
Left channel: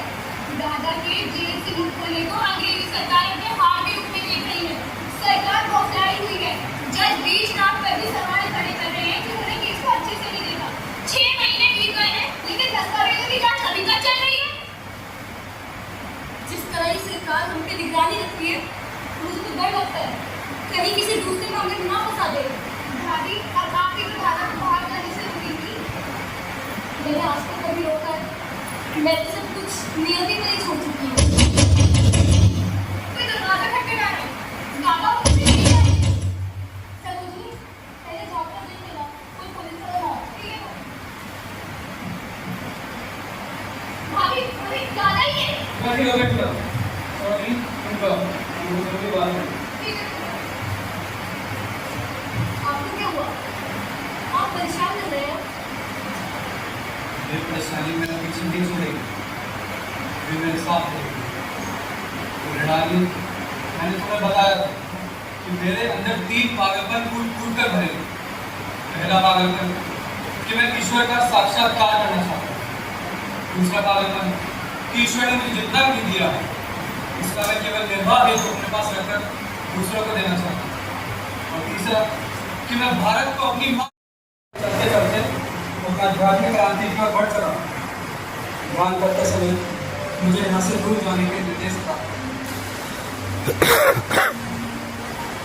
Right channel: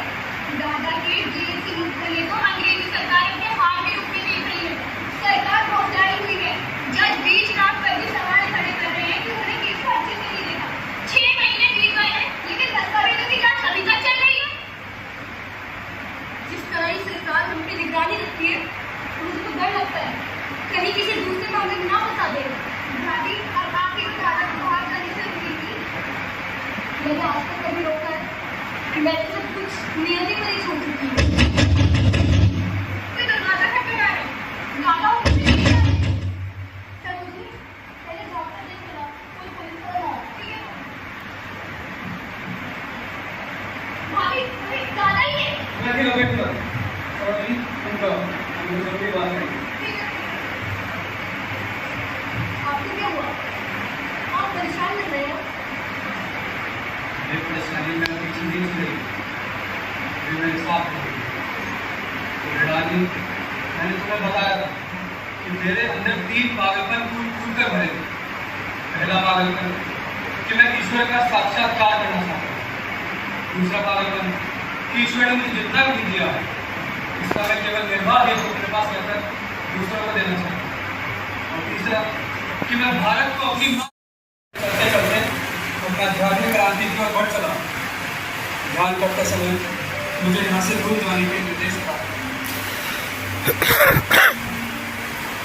दादा के जेल से मुक्त होने को अंग्रेजी सरकार अपने हाथ के रूप में देख रही है। सरकार बौखलाई हुई है। जज बीच रात पर भी सवाल खड़े कर रहे हैं कि उन्हें केस को अच्छे से नहीं देगा। 6 महीने बीत गए हैं, लेकिन दस्तावेजों की जांच अभी तक चल रही है। जिस तरह ही सरकार हम पे निगरानी रखती है, मुझको डर लगता है कहीं किसी दूसरे मामले में ना फंसा दे। दादी अब आपकी जो दादा को बाहर करने से रुकी थी, मैंने आज तक कभी रोका है। मैंने सब कुछ नियति पर ही छोड़ चुकी हूँ। कोई दरवाजा खटखटा रहा है। दादा मुझे नहीं जानते। सरोजी, पहले जॉब पर देख लेना, कोई पुलिस वाला ना हो, ठीक है? भाभी, वही दादा ही है। बैठिए सॉरी उनका मुझे थोड़ी बात है। ठीक है। आपको क्या हुआ? आप परेशान कर रहे हो? ये परेशानी में अपनी जिंदगी से फिर मैं साफ हो गई। तो प्रणाली मैंने तुम्हें बताया कि मेरे अंदर 3 पागलपन कूद कर भरे। पहला पागलपन कि मैं ईश्वर का साक्षात्कार करना चाहता हूँ। दूसरा पागलपन कि ईश्वर ने मुझे जितना भी दिया है इस तरह केवल निर्वाह हेतु अपने पास रखकर दूसरों को देना चाहता हूँ। और तीसरा कि मैं भारत को अपनी चलते चलते अपना धार्मिक क्रांति की ओर बढ़ चला। ध्यान करते समय मुझे यहाँ से दूर जाने के निर्देश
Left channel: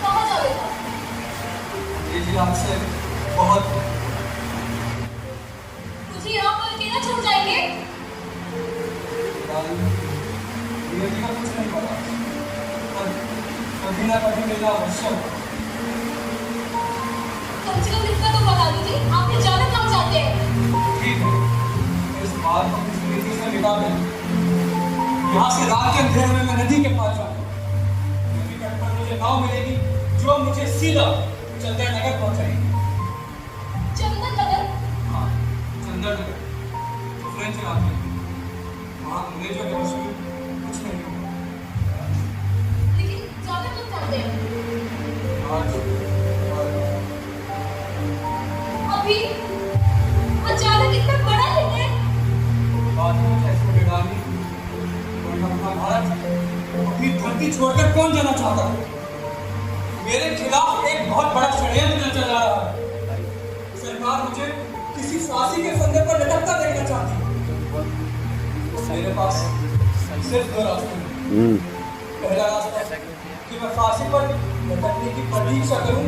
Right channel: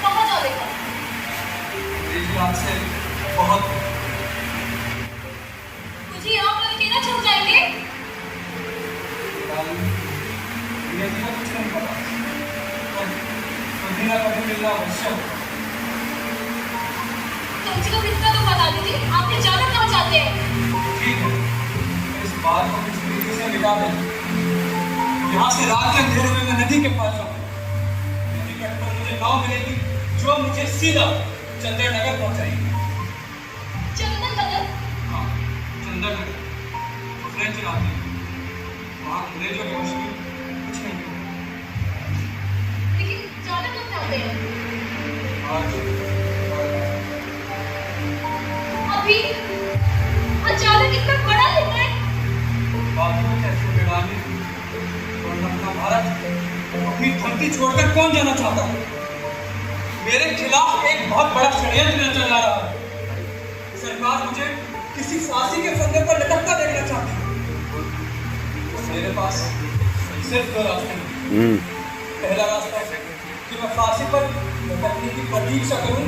कहाँ जाएगा? मेरी आपसे बहुत मुझे यहाँ पर अकेला छोड़ जाएंगे? ये भी तो कुछ नहीं पता। कभी ना कभी मिलना अवश्य हो। कम से कम इतना तो बता दीजिए, आपने जाना कहाँ चाहते हैं? ठीक है, इस बात को किस तरीके से मिटा दें। यहाँ से रात के अंधेरे में मैं नदी के पास जाऊँ। नदी के अंदर मुझे नाव मिलेगी जो मुझे सीधा चंदन नगर पहुँचाएगी। चंदन नगर? हाँ, चंदन नगर फ्रेंच इलाके में। वहाँ अंग्रेजों के वश में कुछ नहीं है। लेकिन जाना कहाँ चाहते हैं? अभी अचानक इतना बड़ा निर्णय? बात में कैसे बेगानी और अपना भारत अपनी धरती छोड़कर कौन जाना चाहता है? मेरे खिलाफ एक बहुत बड़ा षड्यंत्र चल रहा है। सरकार मुझे किसी फांसी के फंदे पर लटकता देखना चाहती है। तो मेरे पास सिर्फ दो रास्ते हैं। पहला रास्ता कि मैं फांसी पर लटकने की प्रतीक्षा करूं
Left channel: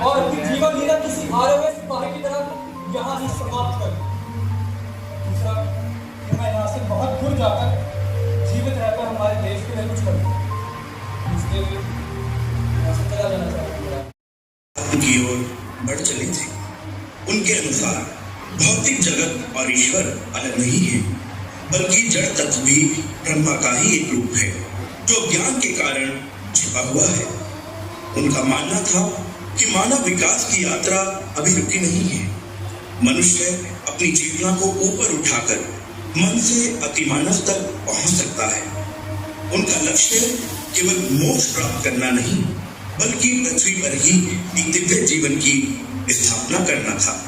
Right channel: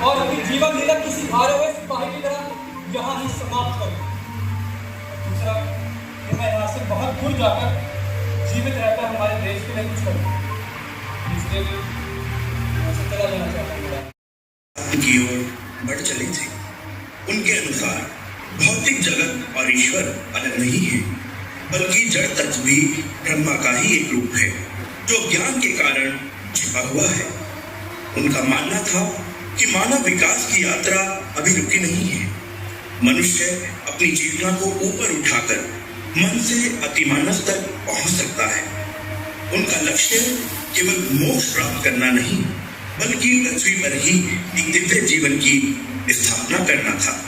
और अपनी जीवन लीला किसी हारे हुए सिपाही की तरह यहाँ ही समाप्त करूं। दूसरा कि मैं यहाँ से बहुत दूर जाकर जीवित रहकर हमारे देश के लिए कुछ करूं। इसके लिए मैं चला जाना चाहता हूं। की ओर बढ़ चले थे। उनके अनुसार भौतिक जगत और ईश्वर अलग नहीं है, बल्कि जड़ तत्व भी ब्रह्मा का ही एक रूप है जो ज्ञान के कारण छिपा हुआ है। उनका मानना था कि मानव विकास की यात्रा अभी रुकी नहीं है। मनुष्य अपनी चेतना को ऊपर उठाकर मन से अतिमानव तक पहुंच सकता है। उनका लक्ष्य केवल मोक्ष प्राप्त करना नहीं, बल्कि पृथ्वी पर ही एक दिव्य जीवन की स्थापना करना था।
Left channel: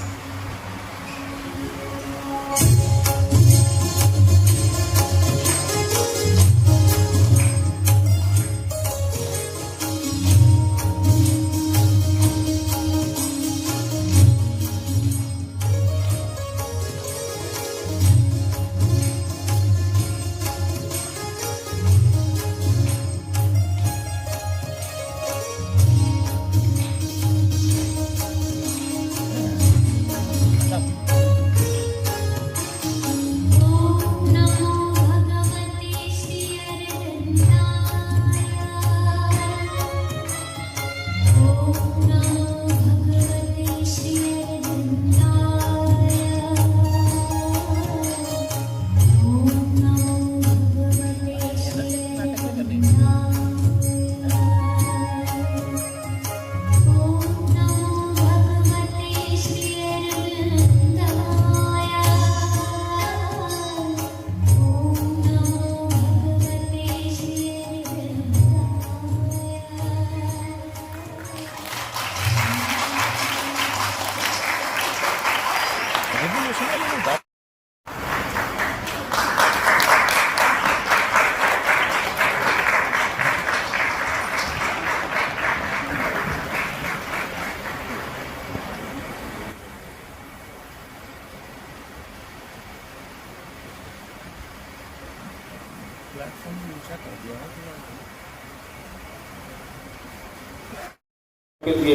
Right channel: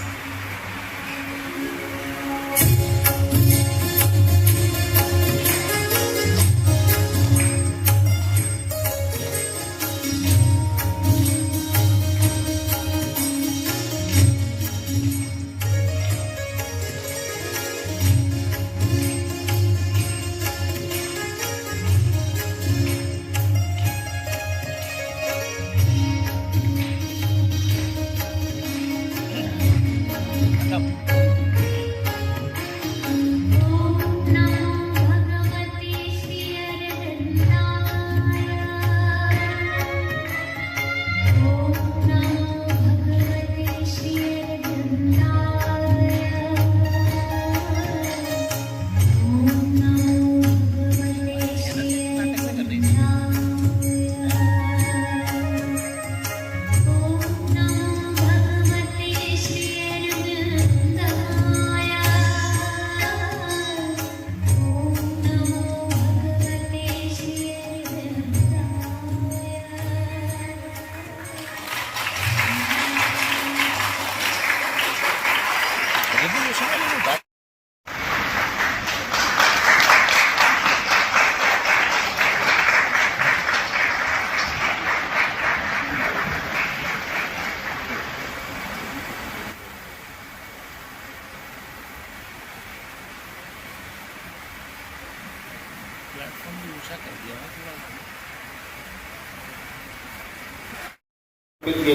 के लिए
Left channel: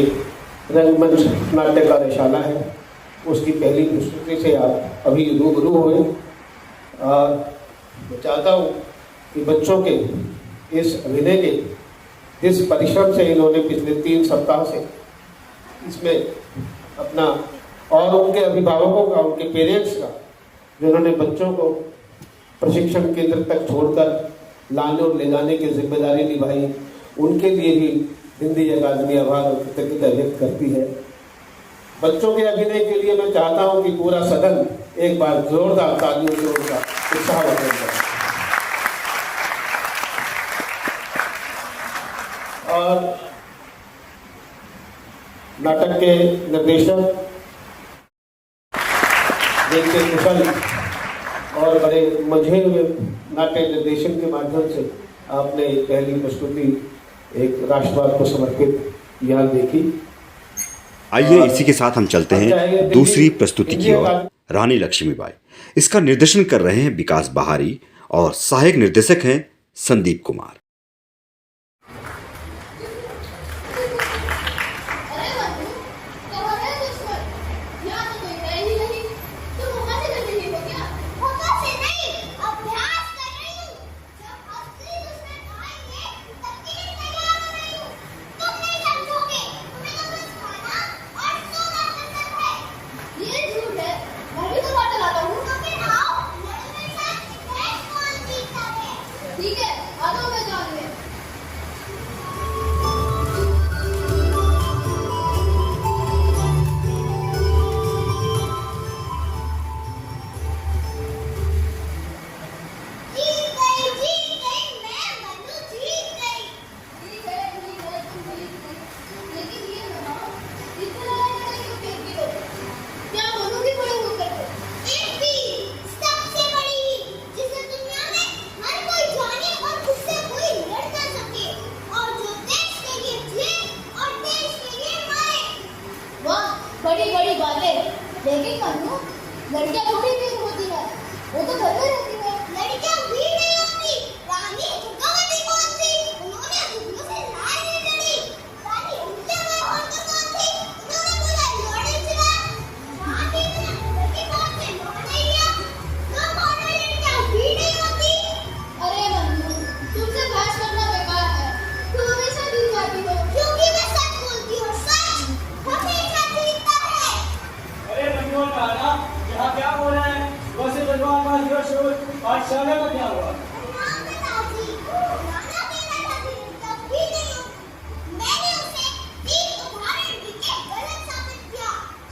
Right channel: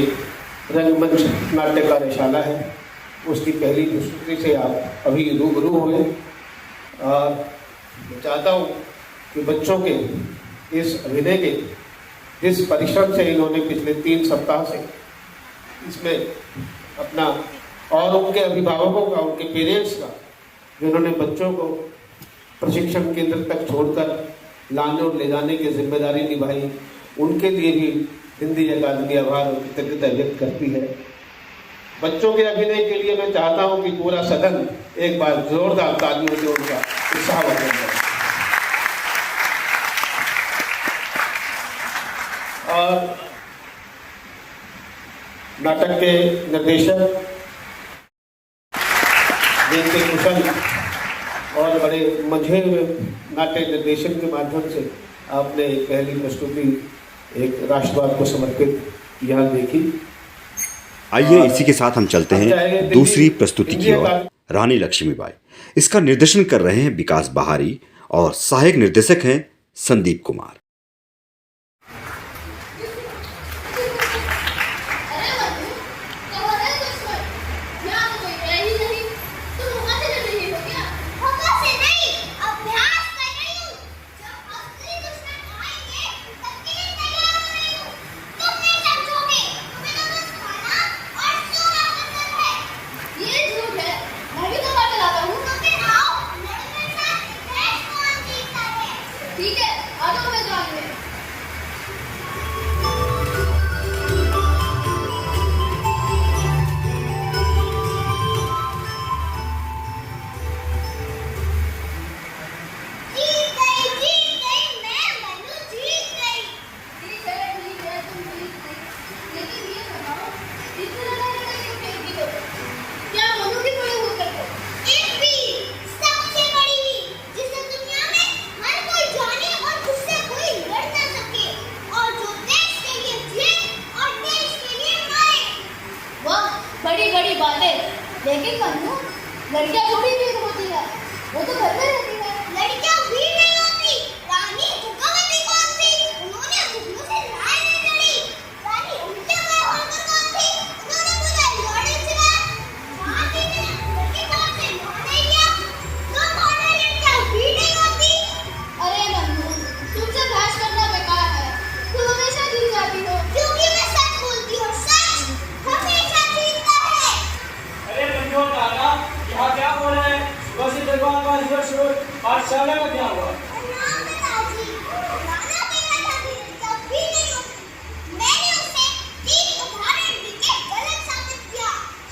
रंगमंच नाट्य कार्यशाला है, उसकी पहली प्रस्तुति से आप अभी रूबरू हुए। और मैं चाहता हूँ कि बच्चों के इस अभिनय के जिस परिश्रम से इन्होंने पिछले 3 सप्ताह से इसमें अपना और उनके अभिभावकों का, उनके पेरेंट्स का, जिन्होंने बच्चों को प्रशिक्षण केंद्र तक छोड़कर लाने और ले जाने की जिम्मेदारी निभाई, उनके लिए भी हिंदी अकादमी आभार और कृतज्ञता व्यक्त करती है। बच्चों के अभिनय के लिए मैं चाहता हूं कि पूरा सदन एक बार जोरदार तालियों से उनका उत्साह बढ़ाएगा। और नाटक के निर्देशक जिनके कुशल और बड़े मंझे हुए नाट्य निर्देशन के माध्यम से आपने एक पहली प्रस्तुति एक राष्ट्रवाद को समर्पित यहाँ देखी। आइए इसी के साथ हम चलते हैं दूसरी प्रस्तुति की ओर। रानी लक्ष्मीबाई, इसका निर्देशन कर रहे हैं विकास बहारी और सहायक निर्देशक हैं संदीप कुमार। ठीक है, अब मैं अरे लेकिन मन्नू, लड़कियां थोड़ी वीर होती है, वो तो घर में रहती है। लड़कियां वीर नहीं होती, रानी दुर्गावती कौन थी? उन्होंने घुटनों से लड़ाई नहीं लड़ी। रानी उल्टे में होकर कौन थी? उन्होंने मुझे लड़ी चलाई। रानी ने लड़के कौन से लड़ाई किया? जो कौन लड़कियां वीर नहीं होती। अरे मन्नू, तुमसे बहस करना बेकार है, तुम हमेशा जीत जाती हो। क्योंकि मैं सच बोलती हूँ, सच हमेशा जीतता है। अरे मनोहर दादा, यहाँ क्या हो रहा है? वैसे दरबार का दिवस हो, पाठशाला में क्या हुआ?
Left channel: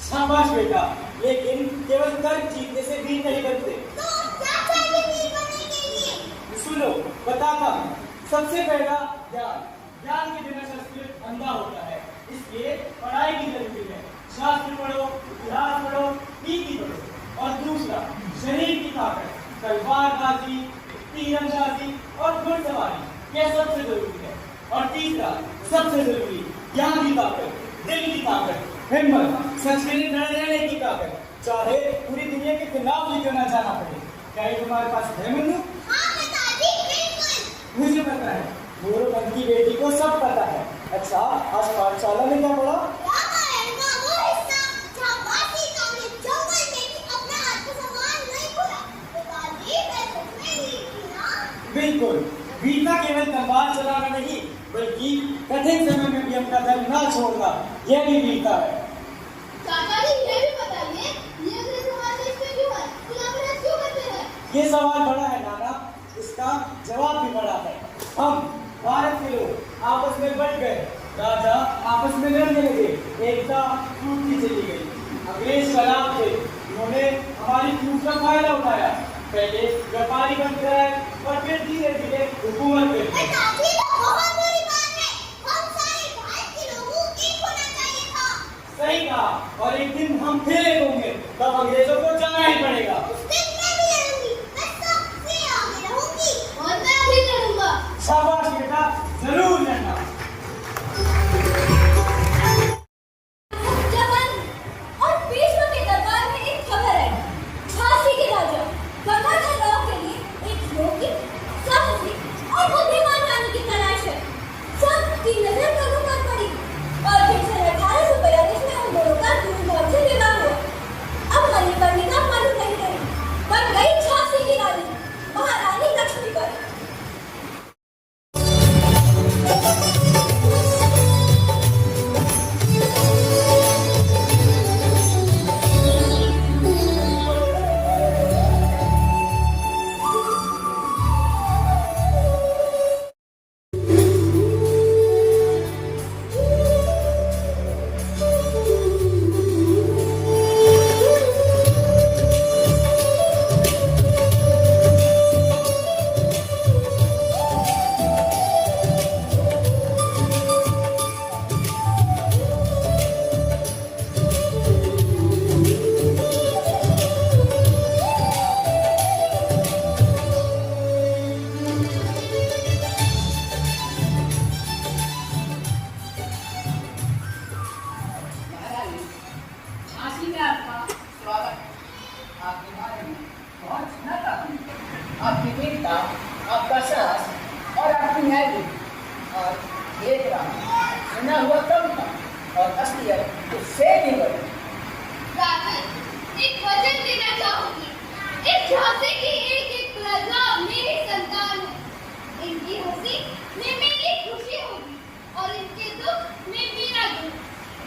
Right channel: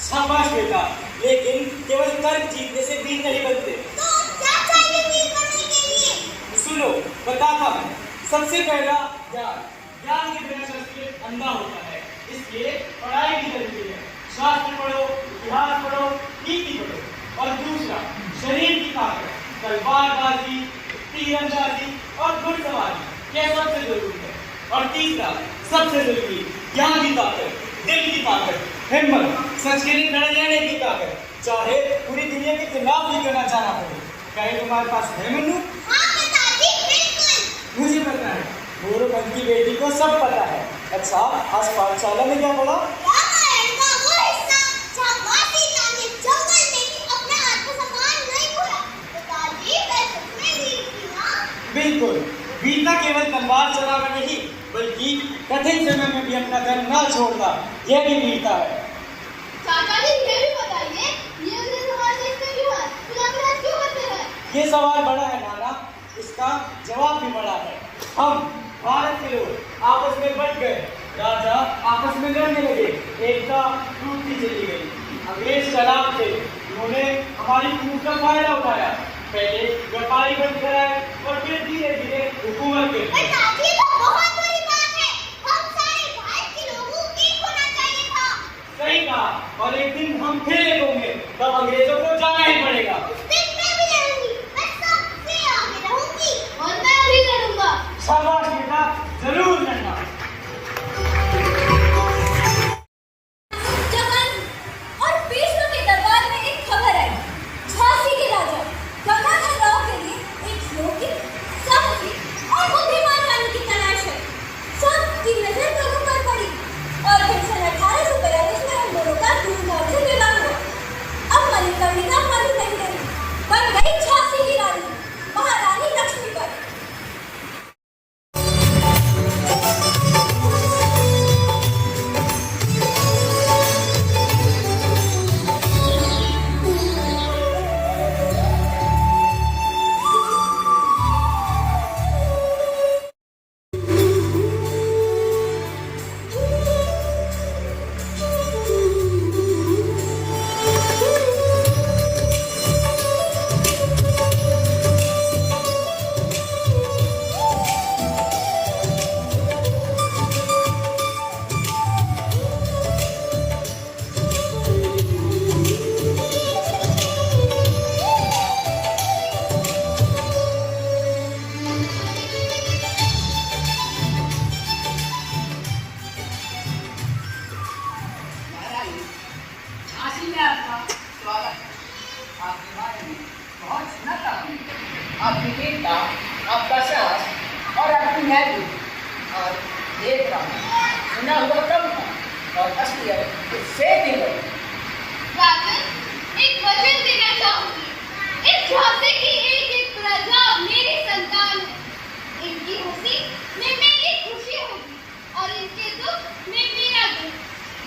शाबाश बेटा, लेकिन केवल तर्क जीतने से वीर नहीं बनते। सुनो, बताता हूँ। सबसे पहला ज्ञान। ज्ञान के बिना शास्त्र अंधा होता है, इसलिए पढ़ाई भी जरूरी है। शास्त्र पढ़ो, इतिहास पढ़ो, नीति पढ़ो। और दूसरा, शरीर की ताकत, तलवारबाजी, तीरंदाजी और घुड़सवारी यह सबसे जरूरी है। और तीसरा, सबसे जरूरी, ज्ञान की ताकत, दिल की ताकत, हिम्मत, सच के लिए लड़ने रहने की ताकत, चाहे पूरी दुनिया के खिलाफ भी करना जाना पड़े। कहीं तुम्हारे पास है मन्नू? मुझे पता है, गौरव की बेटी को सब पता है। अच्छा, आज पाठशाला में क्या पढ़ा? बिल्कुल, वीरता केवल तलवार चलाना नहीं, बल्कि कठिन समय में भी अपना दम न छोड़ना, यह भी वीरता है। चाचा जी, ये भी बताइए, ये अगले सवाल देखते क्यों है? तिलक क्यों करते हैं? ये सवाल बड़ा है नाना, इसका जवाब भी बड़ा है। हम भारत के लोग आपस में बट गए, राजा आपस में लड़ने लगे, एकता टूटती चली गई। अंग्रेज शराब थे, उन्होंने हमारी टूट का फायदा उठाया। पहले व्यापारी बन कराए और फिर धीरे धीरे हुकूमत के। चाची, तो बहुत बुरी बात है। हम सारे भारत के लोगों को एक होना चाहिए था। सही कहा, और एक दिन हम फिर एक होंगे, तब अंग्रेजों को जाना ही पड़ेगा। उस दिन मैं भी लड़ूंगी, मैं सबसे आगे रहूंगी और मैं भी लड़ूंगा। शाबाश बेटा, जरूर लड़ना। और पेशवा के दरबार में एक खबर आई। झांसी के राजा गंगाधर राव के लिए एक योग्य, साहसी और बुद्धिमान रानी की तलाश है। सबकी नजर दोनों पर पड़ी और फिर सन 1842 में उन दोनों का धूमधाम से विवाह हुआ। अब मणिकर्णिका मालूम नहीं रही, बन गई झांसी की रानी, महारानी लक्ष्मीबाई। झांसी में आपका स्वागत है। आपके बारे में बहुत सुना था हमने। आपकी वीरता, आपका साहस और आपकी न्यायबुद्धि, और देख रहा हूँ सुना हुआ कम था और असलियत उससे भी बड़ी। एक वचन देना चाहूंगी। इस झांसी की एक प्रजा मेरी संतान है। इनकी खुशी में मेरी खुशी होगी और इनके दुख में मेरा दुख।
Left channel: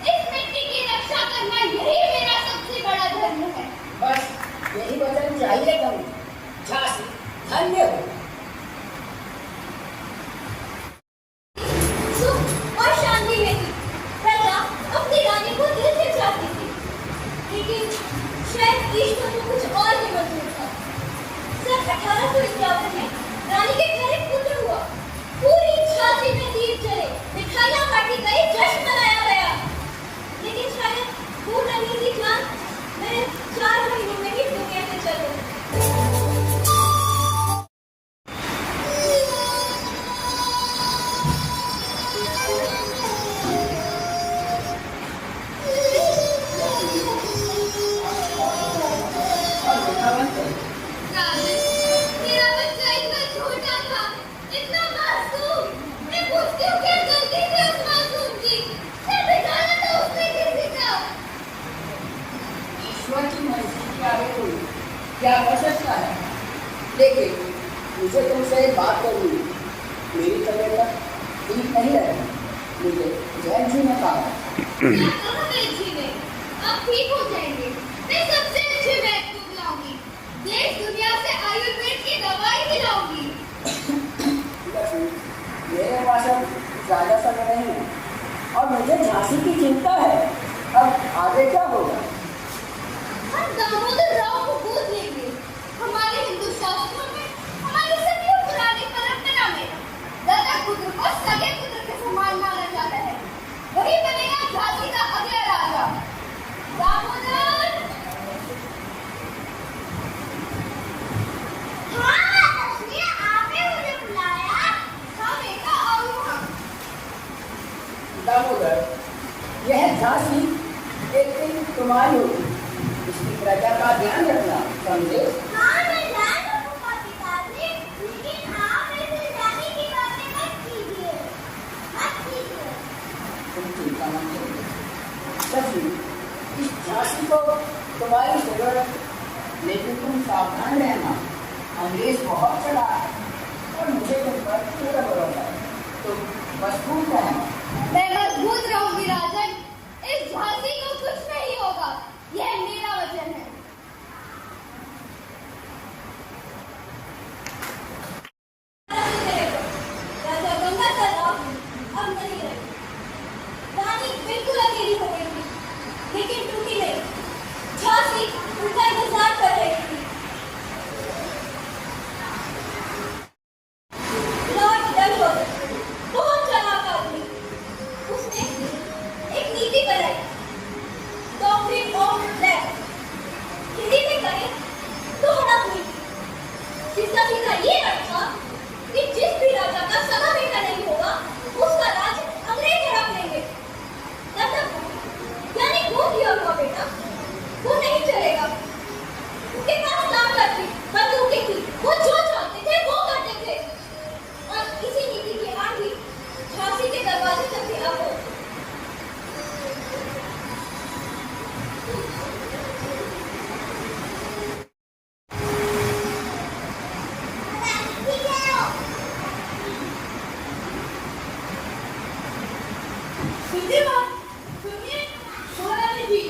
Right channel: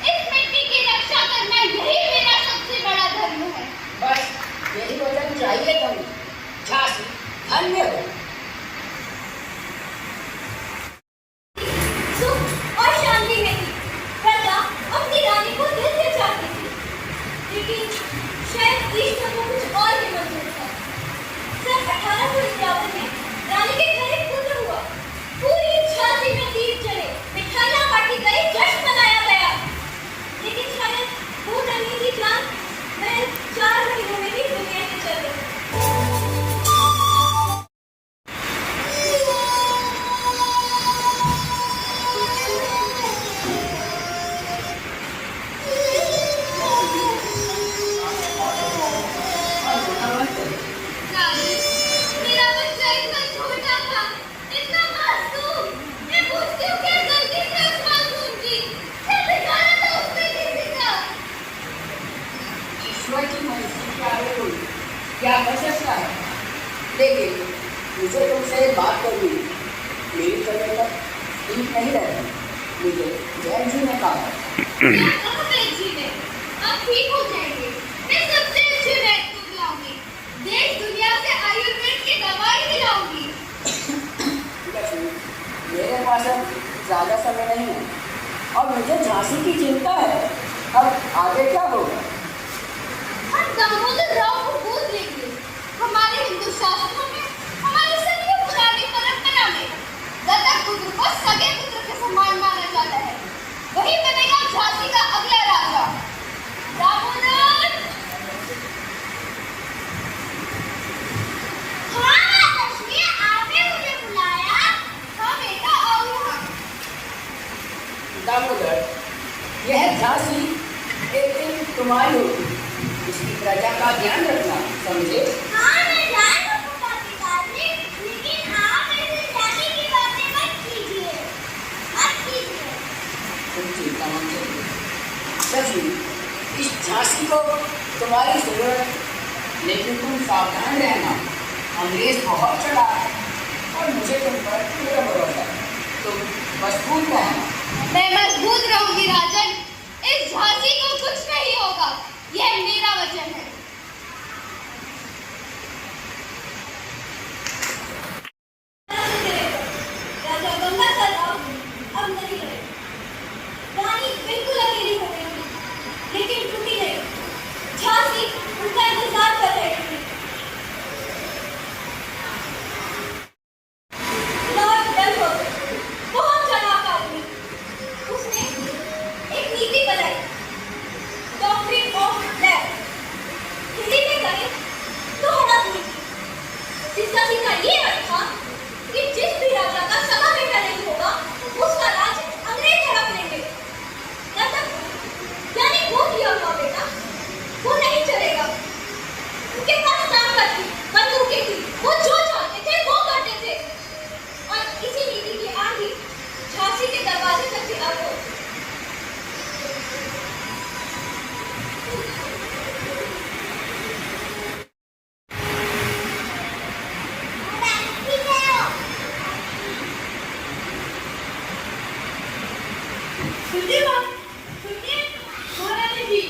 इस मिट्टी की रक्षा करना यही मेरा सबसे बड़ा धर्म है। बस यही वचन चाहिए कभी। झांसी धन्य हो। सुख और शांति में थी। प्रजा अपनी रानी को दिल से चाहती थी, लेकिन शायद ईश्वर को कुछ और ही मंजूर था। सन 1851 में रानी के घर एक पुत्र हुआ। पूरी झांसी में दीप जले, मिठाइयां बांटी गई, जश्न मनाया गया। लेकिन शायद वो नन्ही सी जान मैं 4 महीनों में ही दुनिया से चल गई। बहुत अच्छी है, आप ठीक हो जाएंगे। मैं सबसे अच्छे वैद्य को बुलाऊंगी, देश दुनिया से आयुर्वेद की दवाई दिलाऊंगी। मेरे पास अब ज्यादा समय नहीं है और मुझे झांसी की चिंता है। अब आगे क्या होगा? हम दामोदर राव को गोद लेंगे। हमारे हिंदू शास्त्रों में, हमारी सभी पुरानी परंपरा में दत्तक पुत्र को सगे पुत्र के समान माना जाता है। वही बनेगा झांसी का अगला राजा। दामोदर! हाँ माताश्री, आपने मुझे बुलाया? हाँ बेटा, आओ यहाँ। दामोदर, यह झांसी एक दिन तुम्हारी होगी। इसकी प्रजा का ध्यान रखना, समझे? हाँ मैं ध्यान रखूंगा पिताजी, लेकिन आप ऐसे जाने की बातें मत कीजिए, मत कीजिए। तुम चिंता मत करो। सच में इस झांसी को तुम्हारी जरूरत है, लेकिन तुम सावधान रहना। अंग्रेज बहुत चला है और मुझे तुम पर पूरा भरोसा है। तुम मजबूत रहना। मैं मजबूत रहूंगी राजन। इस झांसी को कुछ नहीं होगा, यह मेरा वचन है। राजा गंगाधर राव अब नहीं रहे। रानी बिल्कुल अकेली हो गई थी, लेकिन टूटी नहीं। झांसी उनका इंतजार कर रही थी। लॉर्ड डलहौजी बहुत चालाक आदमी। उसने एक नीति बनाई, डॉक्ट्रिन ऑफ डेथ। हिंदी में करें तो हड़प नीति, जिसका सीधा ये अर्थ था कि जिस भी राजा का सगा बेटा नहीं होगा, उसका राज अंग्रेज हड़प लेंगे। यानी गोद लिया हुआ बेटा वो नहीं चलेगा। उनके पास ताकत थी, बंदूकें थी, वो जो चाहते थे वो करते थे। और इसी नीति की आंधी झांसी के दरवाजे तक भी आ गई। सुनिए महारानी जी,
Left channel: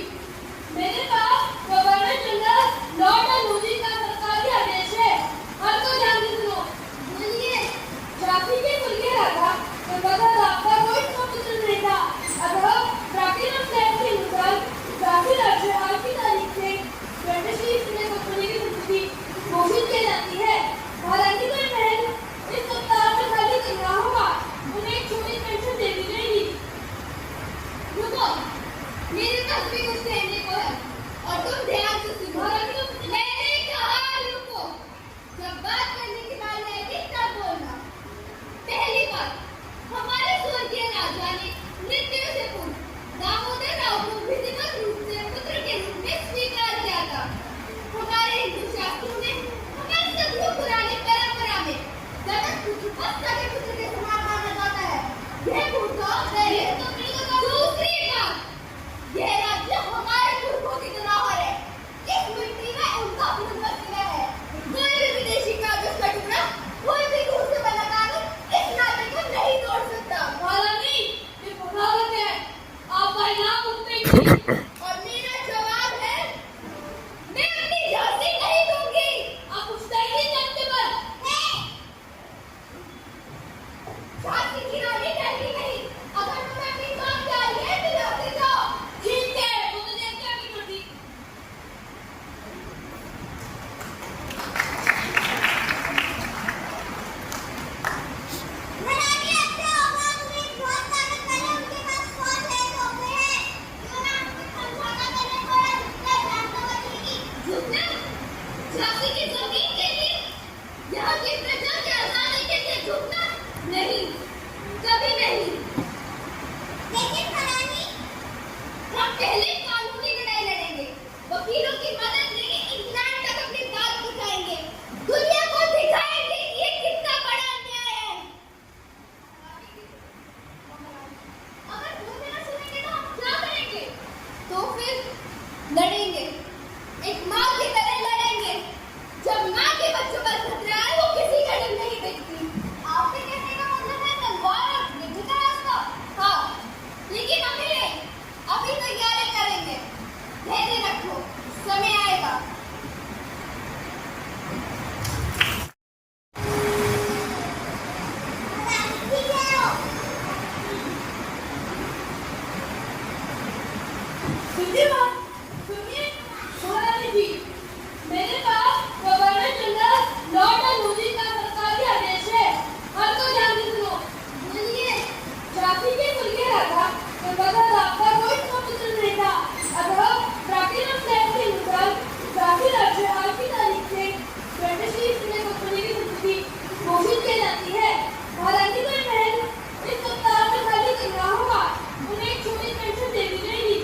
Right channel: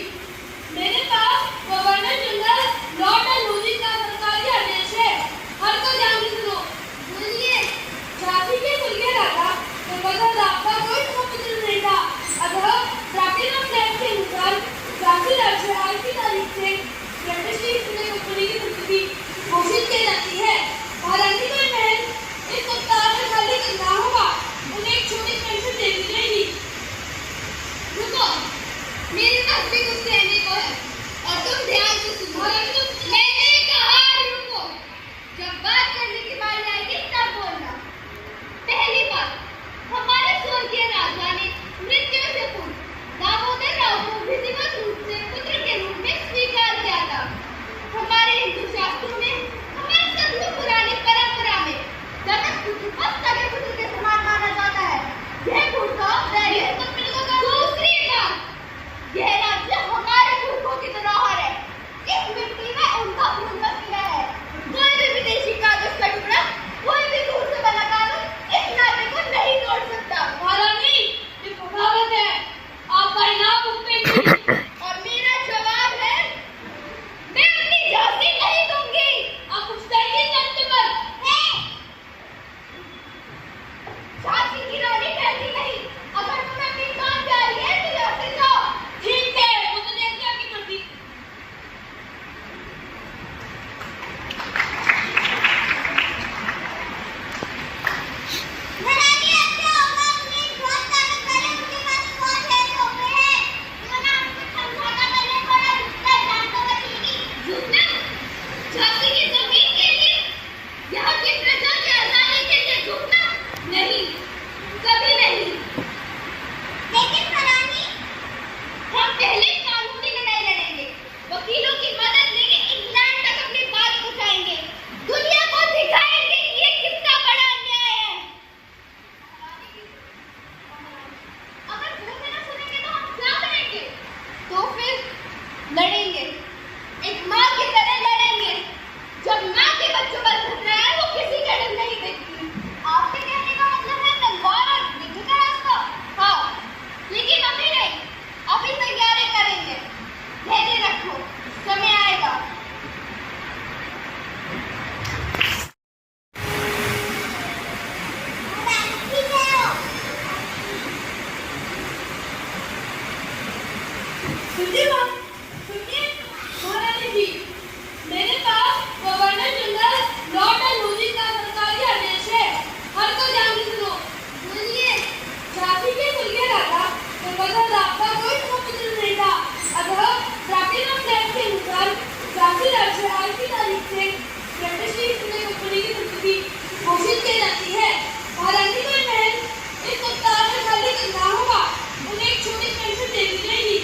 मेरे पास गवर्नर जनरल लॉर्ड डलहौजी का सरकारी आदेश है। हर को ध्यान से सुनो। बोलिए। झांसी के कुलीन राजा गंगाधर राव का कोई पुत्र नहीं था। अतः प्लैटिनम टैक्स के अनुसार झांसी राज्यपाल की तारीख से ब्रिटिश की कंपनी की संपत्ति घोषित की जाती है। हालांकि मैं महल इस सप्ताह में खाली करना होगा, उन्हें एक छोटी पेंशन देनी रहेगी। रुको, मेरे पास भी कुछ कहने को है और तुम ध्यान से सुनो। मैंने कहा रुको, जब बात करने की बात आएगी तब बोलना। पहली बात, हमारे स्वर्गीय राजा ने मृत्यु से पूर्व दामोदर राव को विधिवत रूप से पुत्र के रूप में स्वीकार किया था। हमारे हिंदू शास्त्रों में, हमारी सदियों पुरानी परंपरा में दत्तक पुत्र को सगे पुत्र के समान माना जाता है। यह दूसरी बात, यह राज्य सुनिए बात, सुनिए महारानी जी, मेरे पास गवर्नर जनरल लॉर्ड डलहौजी का सरकारी आदेश है। हर को ध्यान से सुनो। सुनिए, झांसी के कुल्ले राजा गंगाधर राव का कोई पुत्र नहीं था, अतः प्लैटिनम फ्लैग के अनुसार झांसी राज्य आज की तारीख से ब्रिटिश ईस्ट इंडिया कंपनी की संपत्ति घोषित की जाती है। हालांकि कोई महल इस सप्ताह में खाली करना होगा, उन्हें एक छोटी पेंशन देनी रहेगी।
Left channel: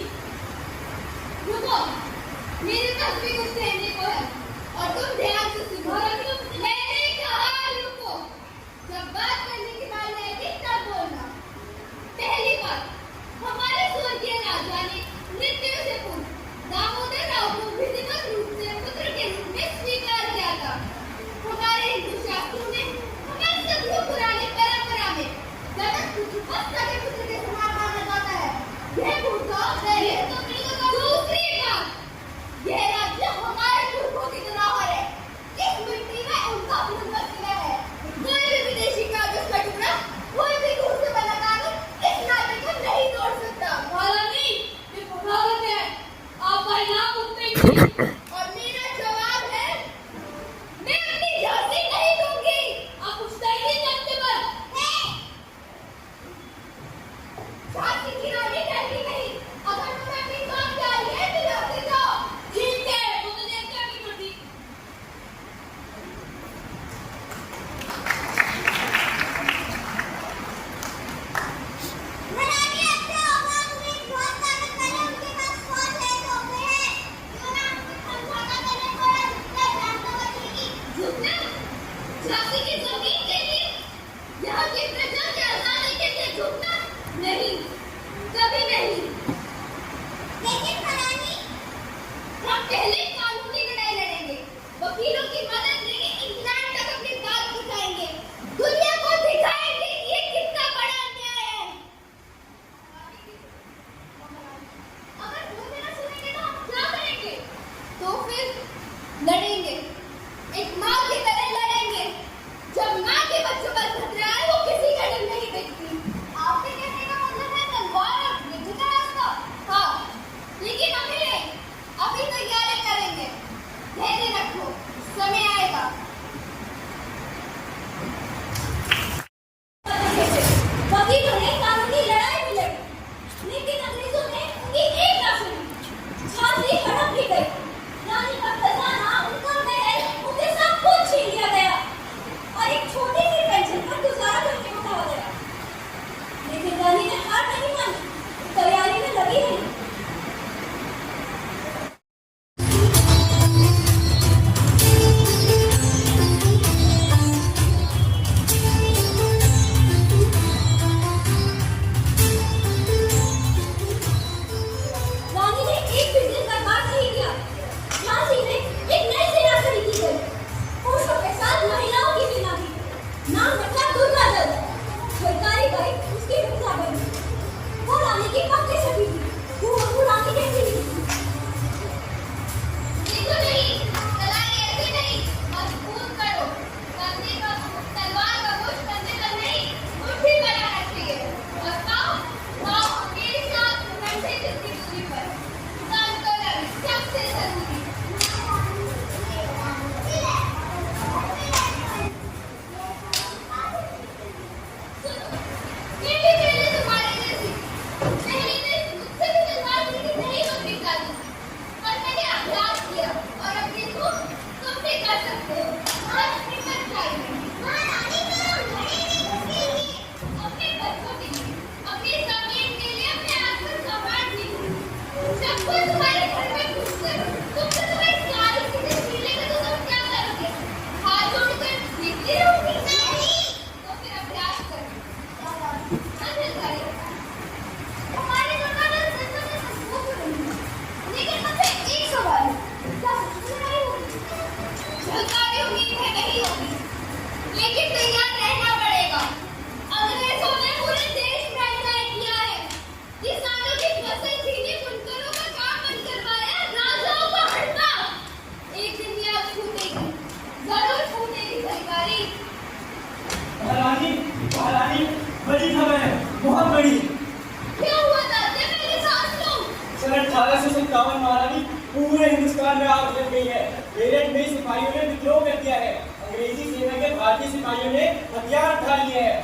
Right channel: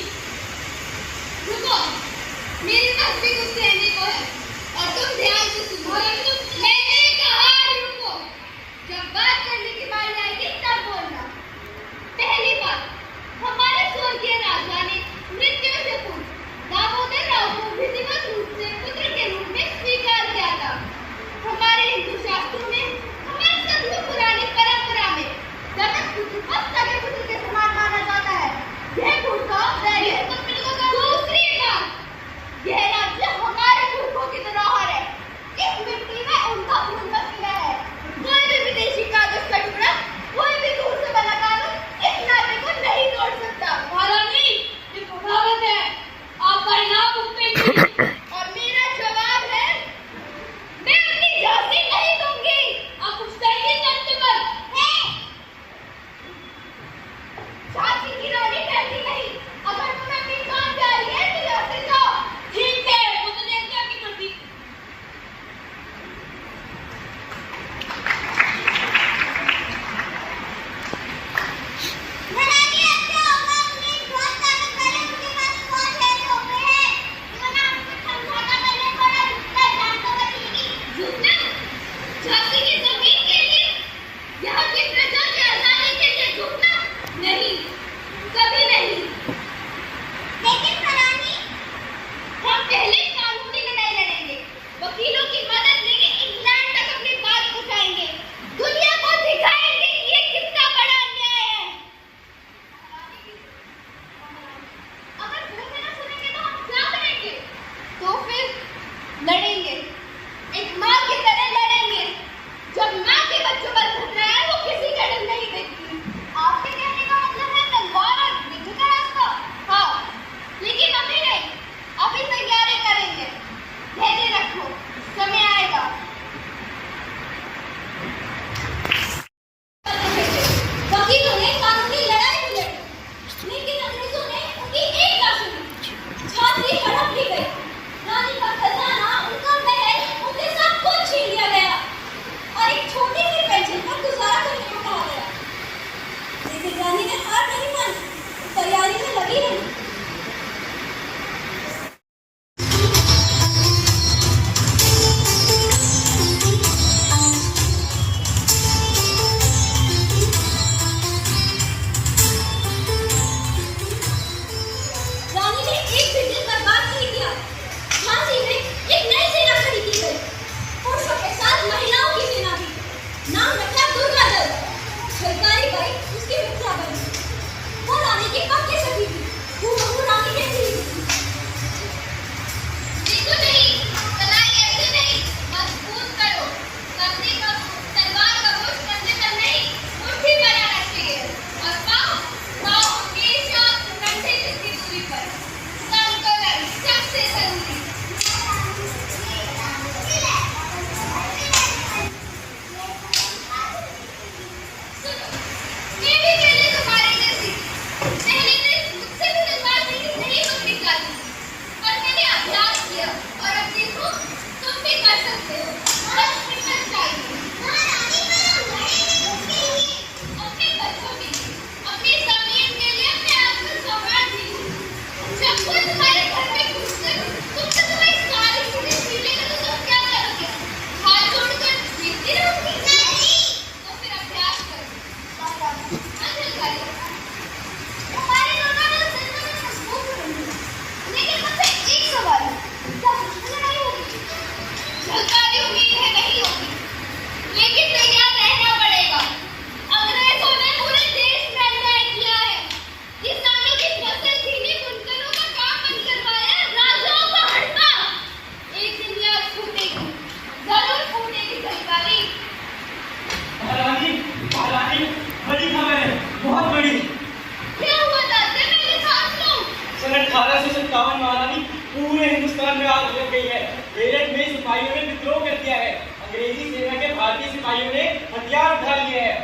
सन 1857 महारानी पूरे हिंदुस्तान में आग लग गई है। मेरठ में सिपाहियों ने विद्रोह कर दिया है। अंग्रेजी सेना के भारतीय सिपाहियों ने हथियार उठा लिए हैं।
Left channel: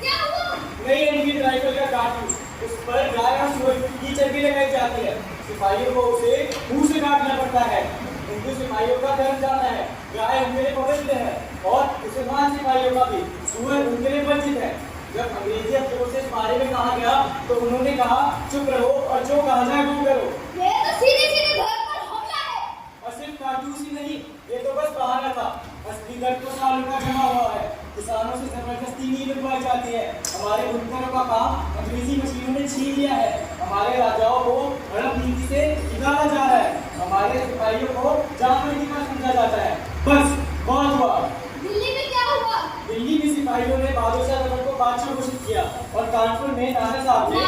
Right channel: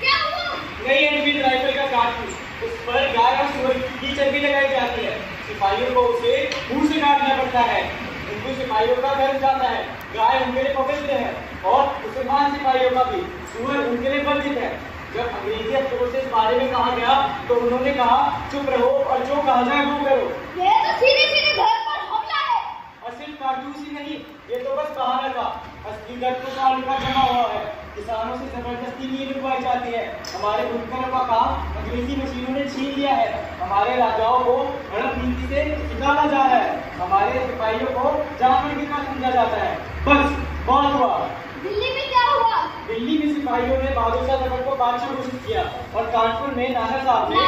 क्या हुआ? नई एनफील्ड राइफल का कारतूस, उस पर गाय और सुअर की चर्बी लगाई जाती है। सिपाहियों को उसे मुंह से काटना पड़ता है। हिंदू सिपाहियों का गर्व जाता है, गाय उनके लिए पवित्र है और मुसलमान सिपाहियों का भी सुअर उनके लिए वर्जित है। जब अंग्रेजी अफसरों से इस बारे में कहा गया तो उन्होंने कहा चुप रहो और जो कहा जाए वो करो। ये तो सीधे सीधे घर पर हमला है। और सिर्फ कारतूस ही नहीं, ये तो बस बहाना था। असली दर्द तो सालों का जमा हुआ है। किसानों से जबरदस्ती नींद लगवाई जाती है। हमारे बुनकरों का काम अंग्रेजी मशीनों ने छीन लिया है। हमारे राजाओं को हड़प नीति से निकाला जा रहा है। हमारे सिपाहियों को जानवर की तरह समझा जाता है। बस बहुत हुआ। दिल्ली में क्या हुआ? दिल्ली में सिपाहियों ने बहादुर शाह जफर को बादशाह घोषित किया और कानपुर में नाना साहब ने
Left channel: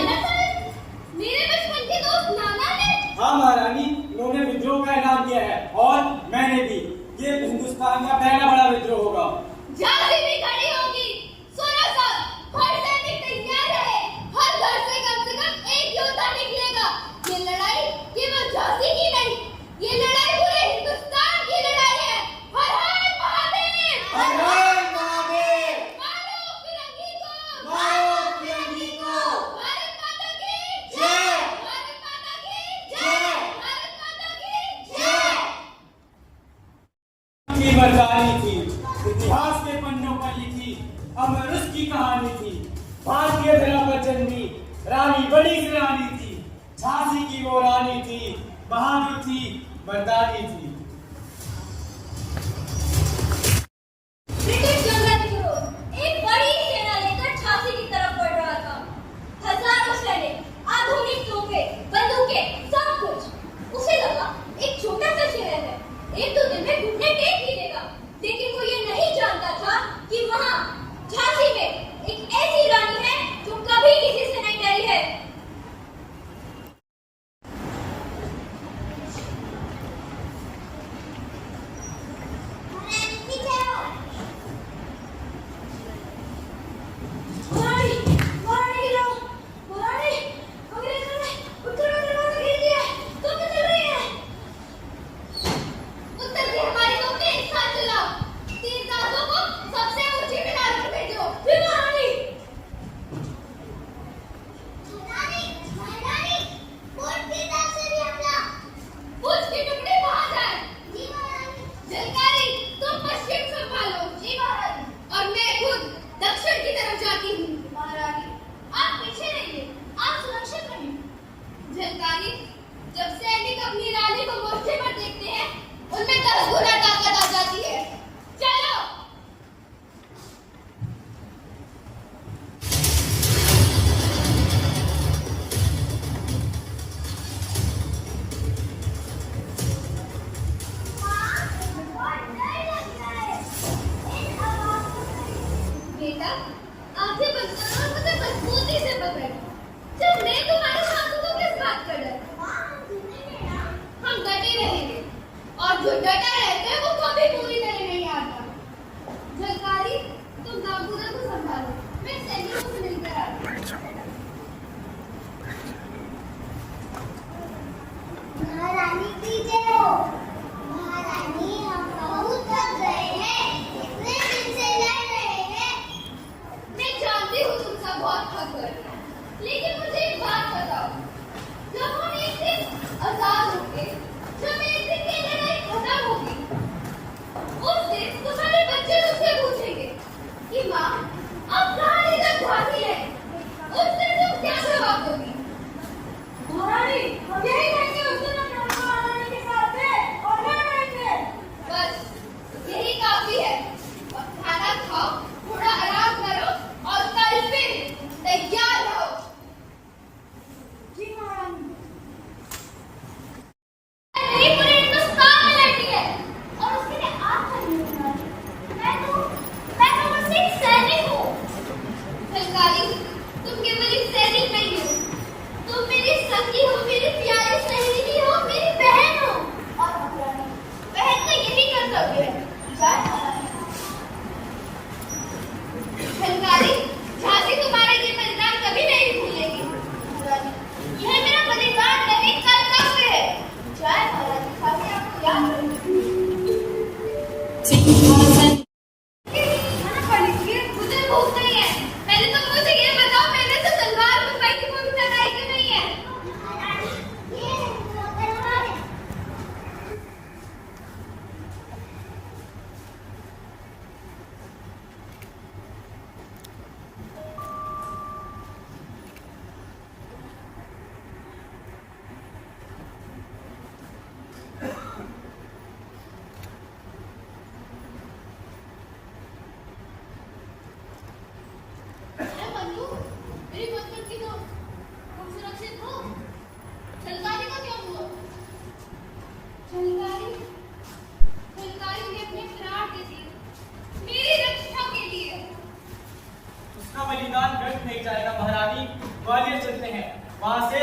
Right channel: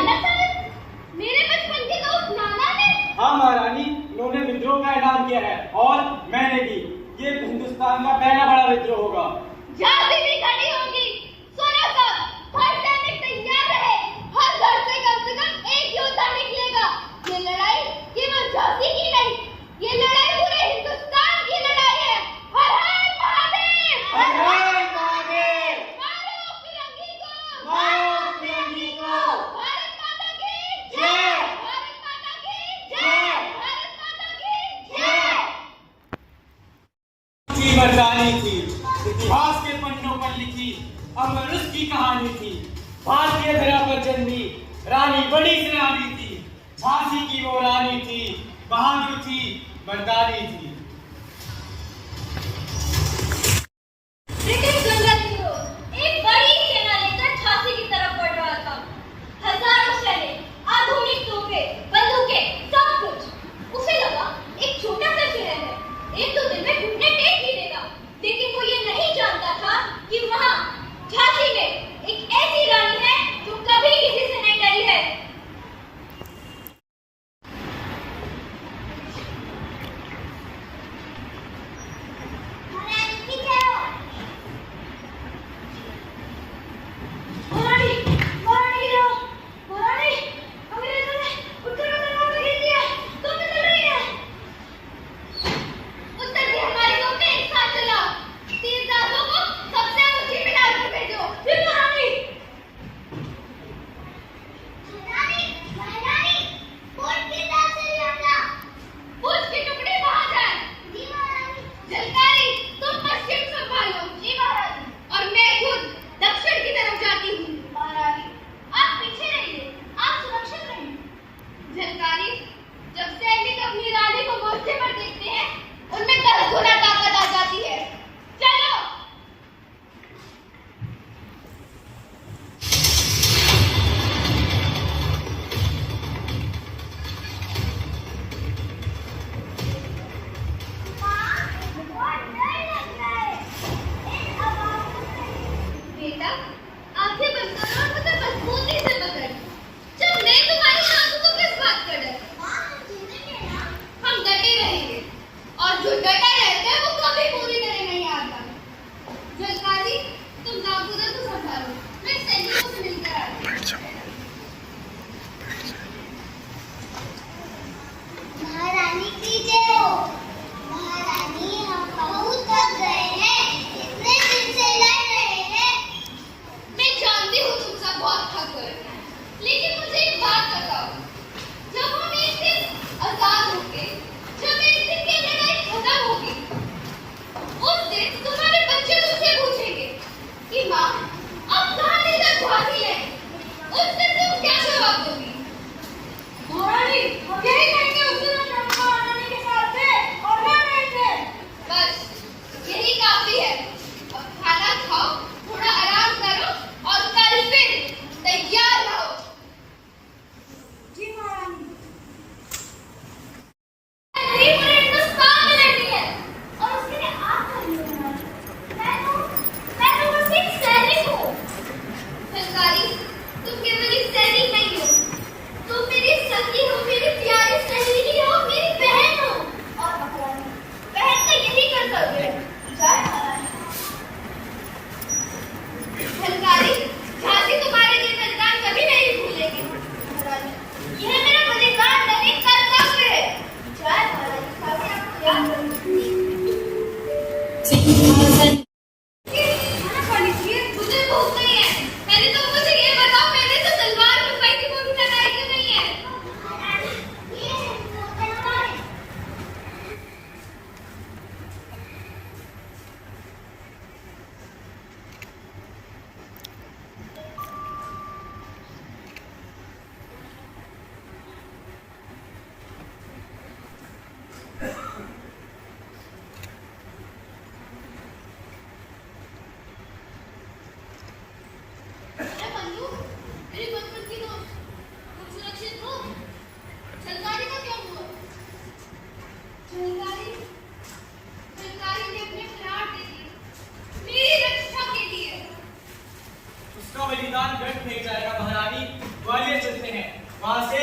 मेरे बचपन के दोस्त नाना ने? हाँ महारानी, उन्होंने विद्रोह का ऐलान किया है और मैंने भी। ये हिंदुस्तान का पहला बड़ा विद्रोह होगा। झांसी भी खड़ी होगी। सुनो सब, हर सैनिक तैयार रहे। हर घर से कम एक योद्धा निकलेगा। ये लड़ाई केवल झांसी की नहीं, ये लड़ाई पूरे हिंदुस्तान की लड़ाई है। हर हर महादेव! हर हर महादेव! मारो फिरंगी को! मारो फिरंगी को! भारत माता की जय! भारत माता की जय! भारत माता की जय! की मर्दानी थी, इतिहास के पन्नों पर लिखी अमर उसकी कहानी थी। भारतीय धरा पर जन्मी रानी बड़ी सी रानी थी। झांसी की वो रानी थी, बहादुर थी, मर्दानी थी। ब्रिटिश जनरल न्यूरो एक बड़ी सेना लेकर झांसी की तरफ बढ़ रहा था। हजारों सैनिक, आधुनिक तोपें, बंदूकें, सब कुछ। उसे लगा एक छोटा सा शहर है, 1-2 दिन में घुटने टेक ही देगा। लेकिन वो ये नहीं जानता था कि वहाँ झांसी में एक ऐसी रानी है जो कभी किसी से नहीं डरी है।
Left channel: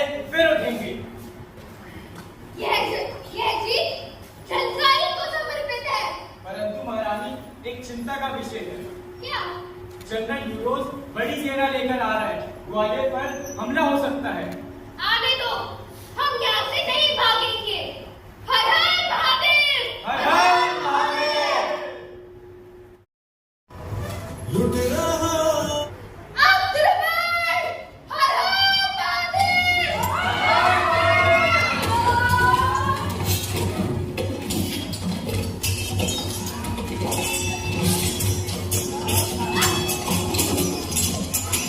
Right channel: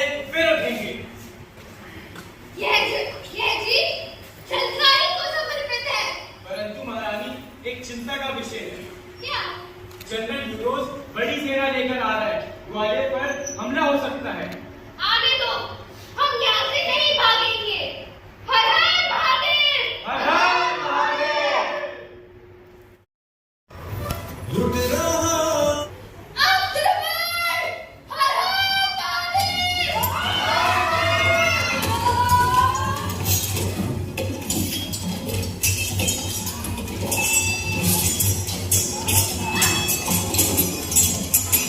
से फिर उठेंगे। यह जीत सरकारी को समर्पित है। परंतु महारानी, एक चिंता का विषय है। क्या? जनरल यूरोस बड़ी सेना लेकर आ रहा है। ग्वालियर पर हमला हो सकता है। आने दो, हम यहाँ से नहीं भागेंगे। हर हर महादेव! हर हर महादेव! अग्रवर! हर हर महादेव!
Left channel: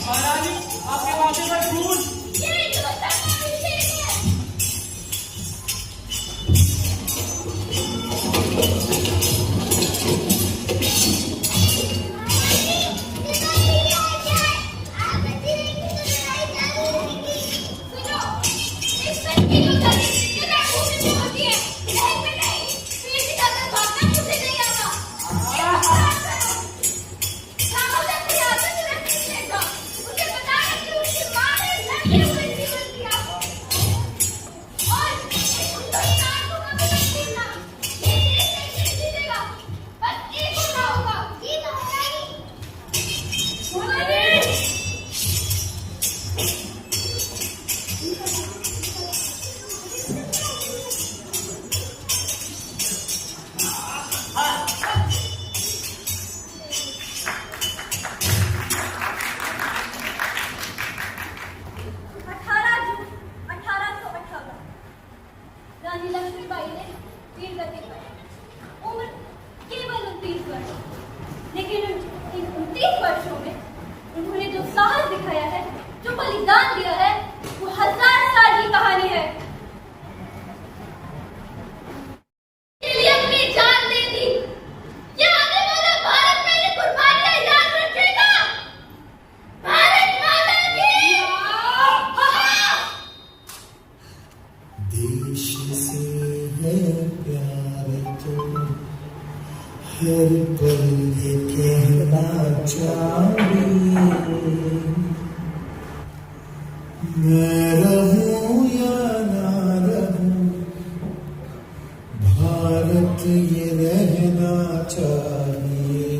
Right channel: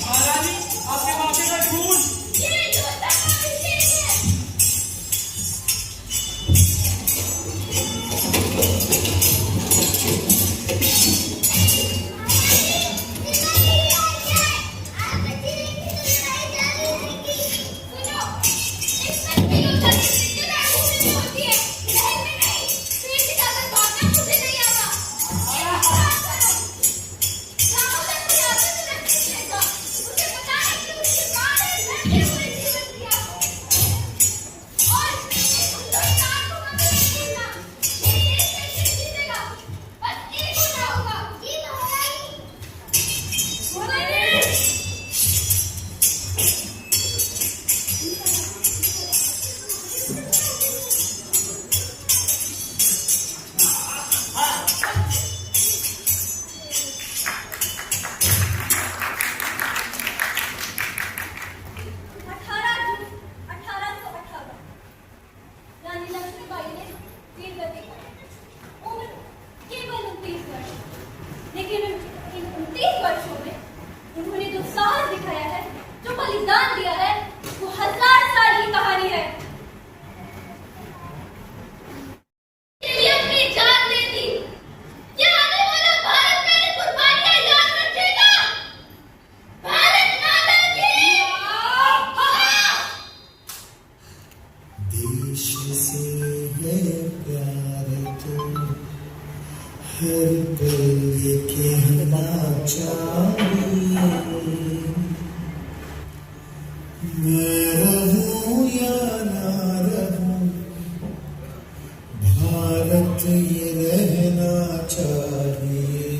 महारानी, आपके माथे पर खून। ये योद्धा का अभिषेक है। सुनो, इस पर की योद्धा की मृत्यु होती है, लहर में नहीं। पेड़ से ज्यादा भागना मुझे नहीं आता। एक बात करो, दामोदर प्रयास सुरक्षित रहेगा। मुझे पता है कि उसकी माँ ने लड़के हुए जीवन दिया। और हिंदुस्तान को कभी मत भूलना। ये देश नहीं जीतेगा, बस एक होना होगा। जी महारानी। रानी लक्ष्मीबाई ने वीर गति पाई। उम्र केवल 29 वर्ष, लेकिन इन 29 वर्षों में उन्होंने जो साहस दिखाया है, जो बलिदान दिया है, वो 1000 साल की कहानी है। के लिए अपनी जान दे दी। क्या आने वाला भारत मेरी कुर्बानियां याद रखेगा? भारत माता की देश से है प्यार तो हर पल ये कहना चाहिए, मैं रहूं या ना रहूं, भारत ये रहना चाहिए।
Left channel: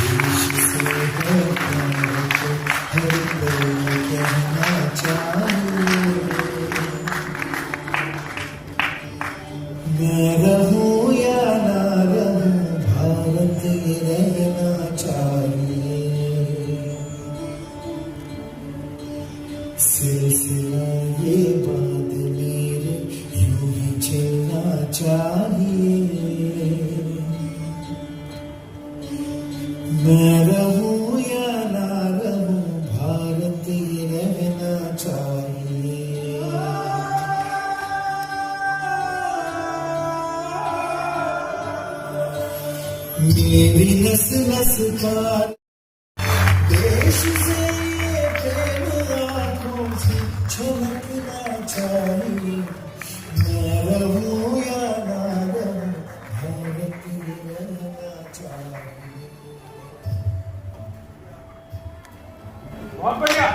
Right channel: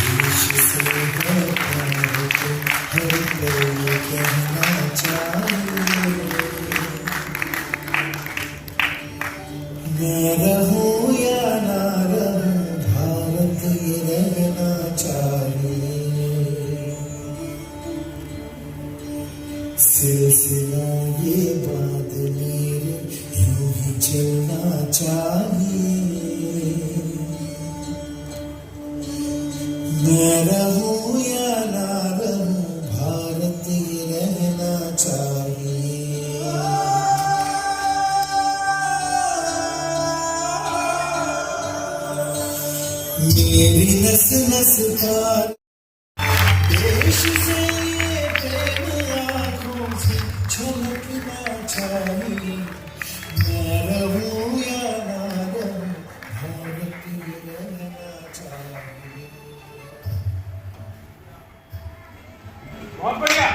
देश से है प्यार तो हर पल ये कहना चाहिए, मैं रहूं या ना रहूं, भारत ये रहना चाहिए। सिलसिला ये बात मेरे यूं ही चलना चाहिए, मैं रहूं या ना रहूं, भारत ये रहना चाहिए। मेरी नस नस का देश से ये प्रेम आँखों से छलकना चाहिए, मैं रहूं या ना रहूं, भारत ये रहना चाहिए। बहुत बढ़िया।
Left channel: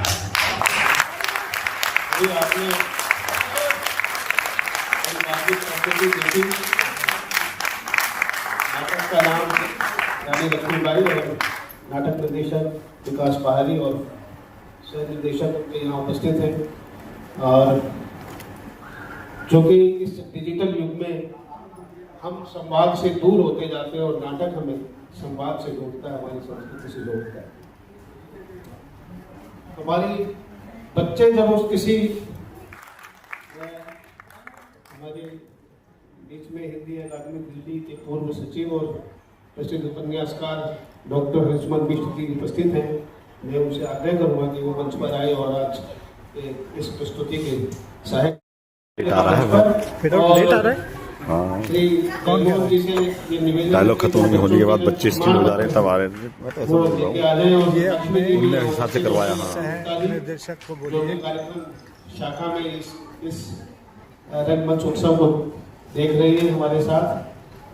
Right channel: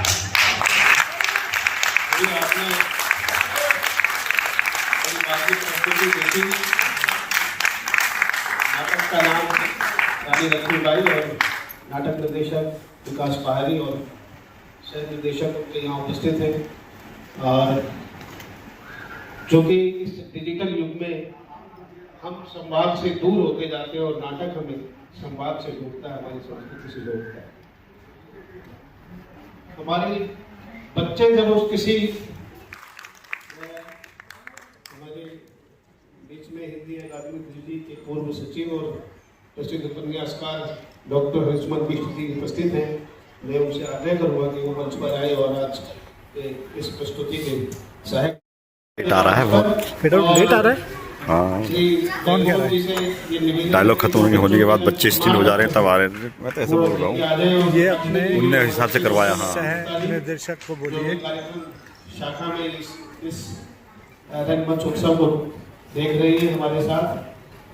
अभी आपने बाकी प्रस्तुति देखी। नाटक का नाम रानी लक्ष्मीबाई और नाटक निर्देशक विकास पहाड़ी और सह निर्देशक यहाँ उपस्थित हैं। और जो कि इस डिजिटल युग में हम संवाद से दूर होते जाते हैं और नाटक हमें संवाद से जोड़ता है, हमारी संस्कृति से जोड़ता है। हमारे बच्चे जब उस किसी हमारे बीच में हिंदी अकादमी दिल्ली के पूर्व सचिव और प्रसिद्ध उपन्यासकार डॉक्टर हरिश्मन बिष्ट जी उपस्थित हैं। मैं उनसे आग्रह करूंगा कि वो मंच पर आए और आज इस प्रस्तुति के सहायक लेट आ रहा है बहुत लेट आ रहा है। हाँ, डायलॉग खत्म होने होने के बाद बच्चे स्टिल हो जा रहे हैं, तब आ रहे थे। मैं तो ऐसे बोल रहा हूँ, ये अपने उनने हिसाब से करवाया। हाँ, निर्देशक को बोलिए। शाखा में इस रंगमंच उत्सव को देख रही है हमारे साथ,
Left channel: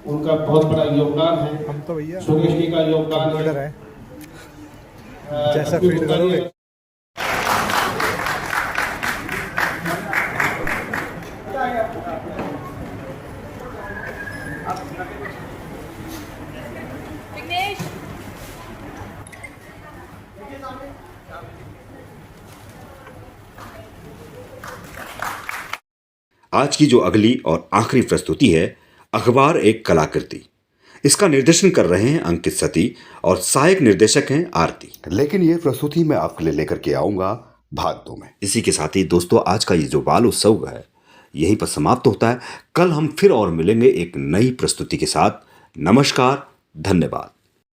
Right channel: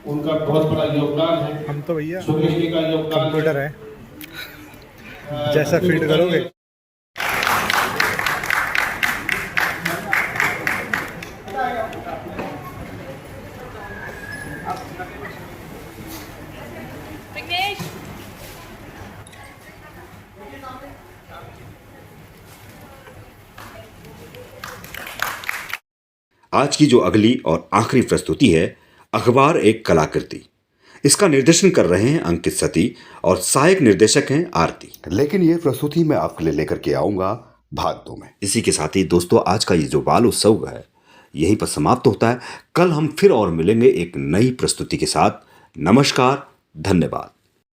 उनका बहुत बड़ा योगदान है। हम तो भैया सुरेश जी का योगदान कंप्यूटर है, जैसा फीड करोगे। आज की जो अगली और आखिरी प्रस्तुति है अखबार एक कलाकृति। इसका निर्देशन कर रहे हैं अंकित सती और सहायक निर्देशक हैं आरती। लेकिन ये प्रस्तुति मैं आपके लिए लेकर के आऊंगा भाग 2 में। इसी के साथ ही दोस्तों आज का ये जो बाल उत्सव है यहीं पर समाप्त होता है। कल हम फिर और मिलेंगे एक नई प्रस्तुति के साथ। नमस्कार, धन्यवाद।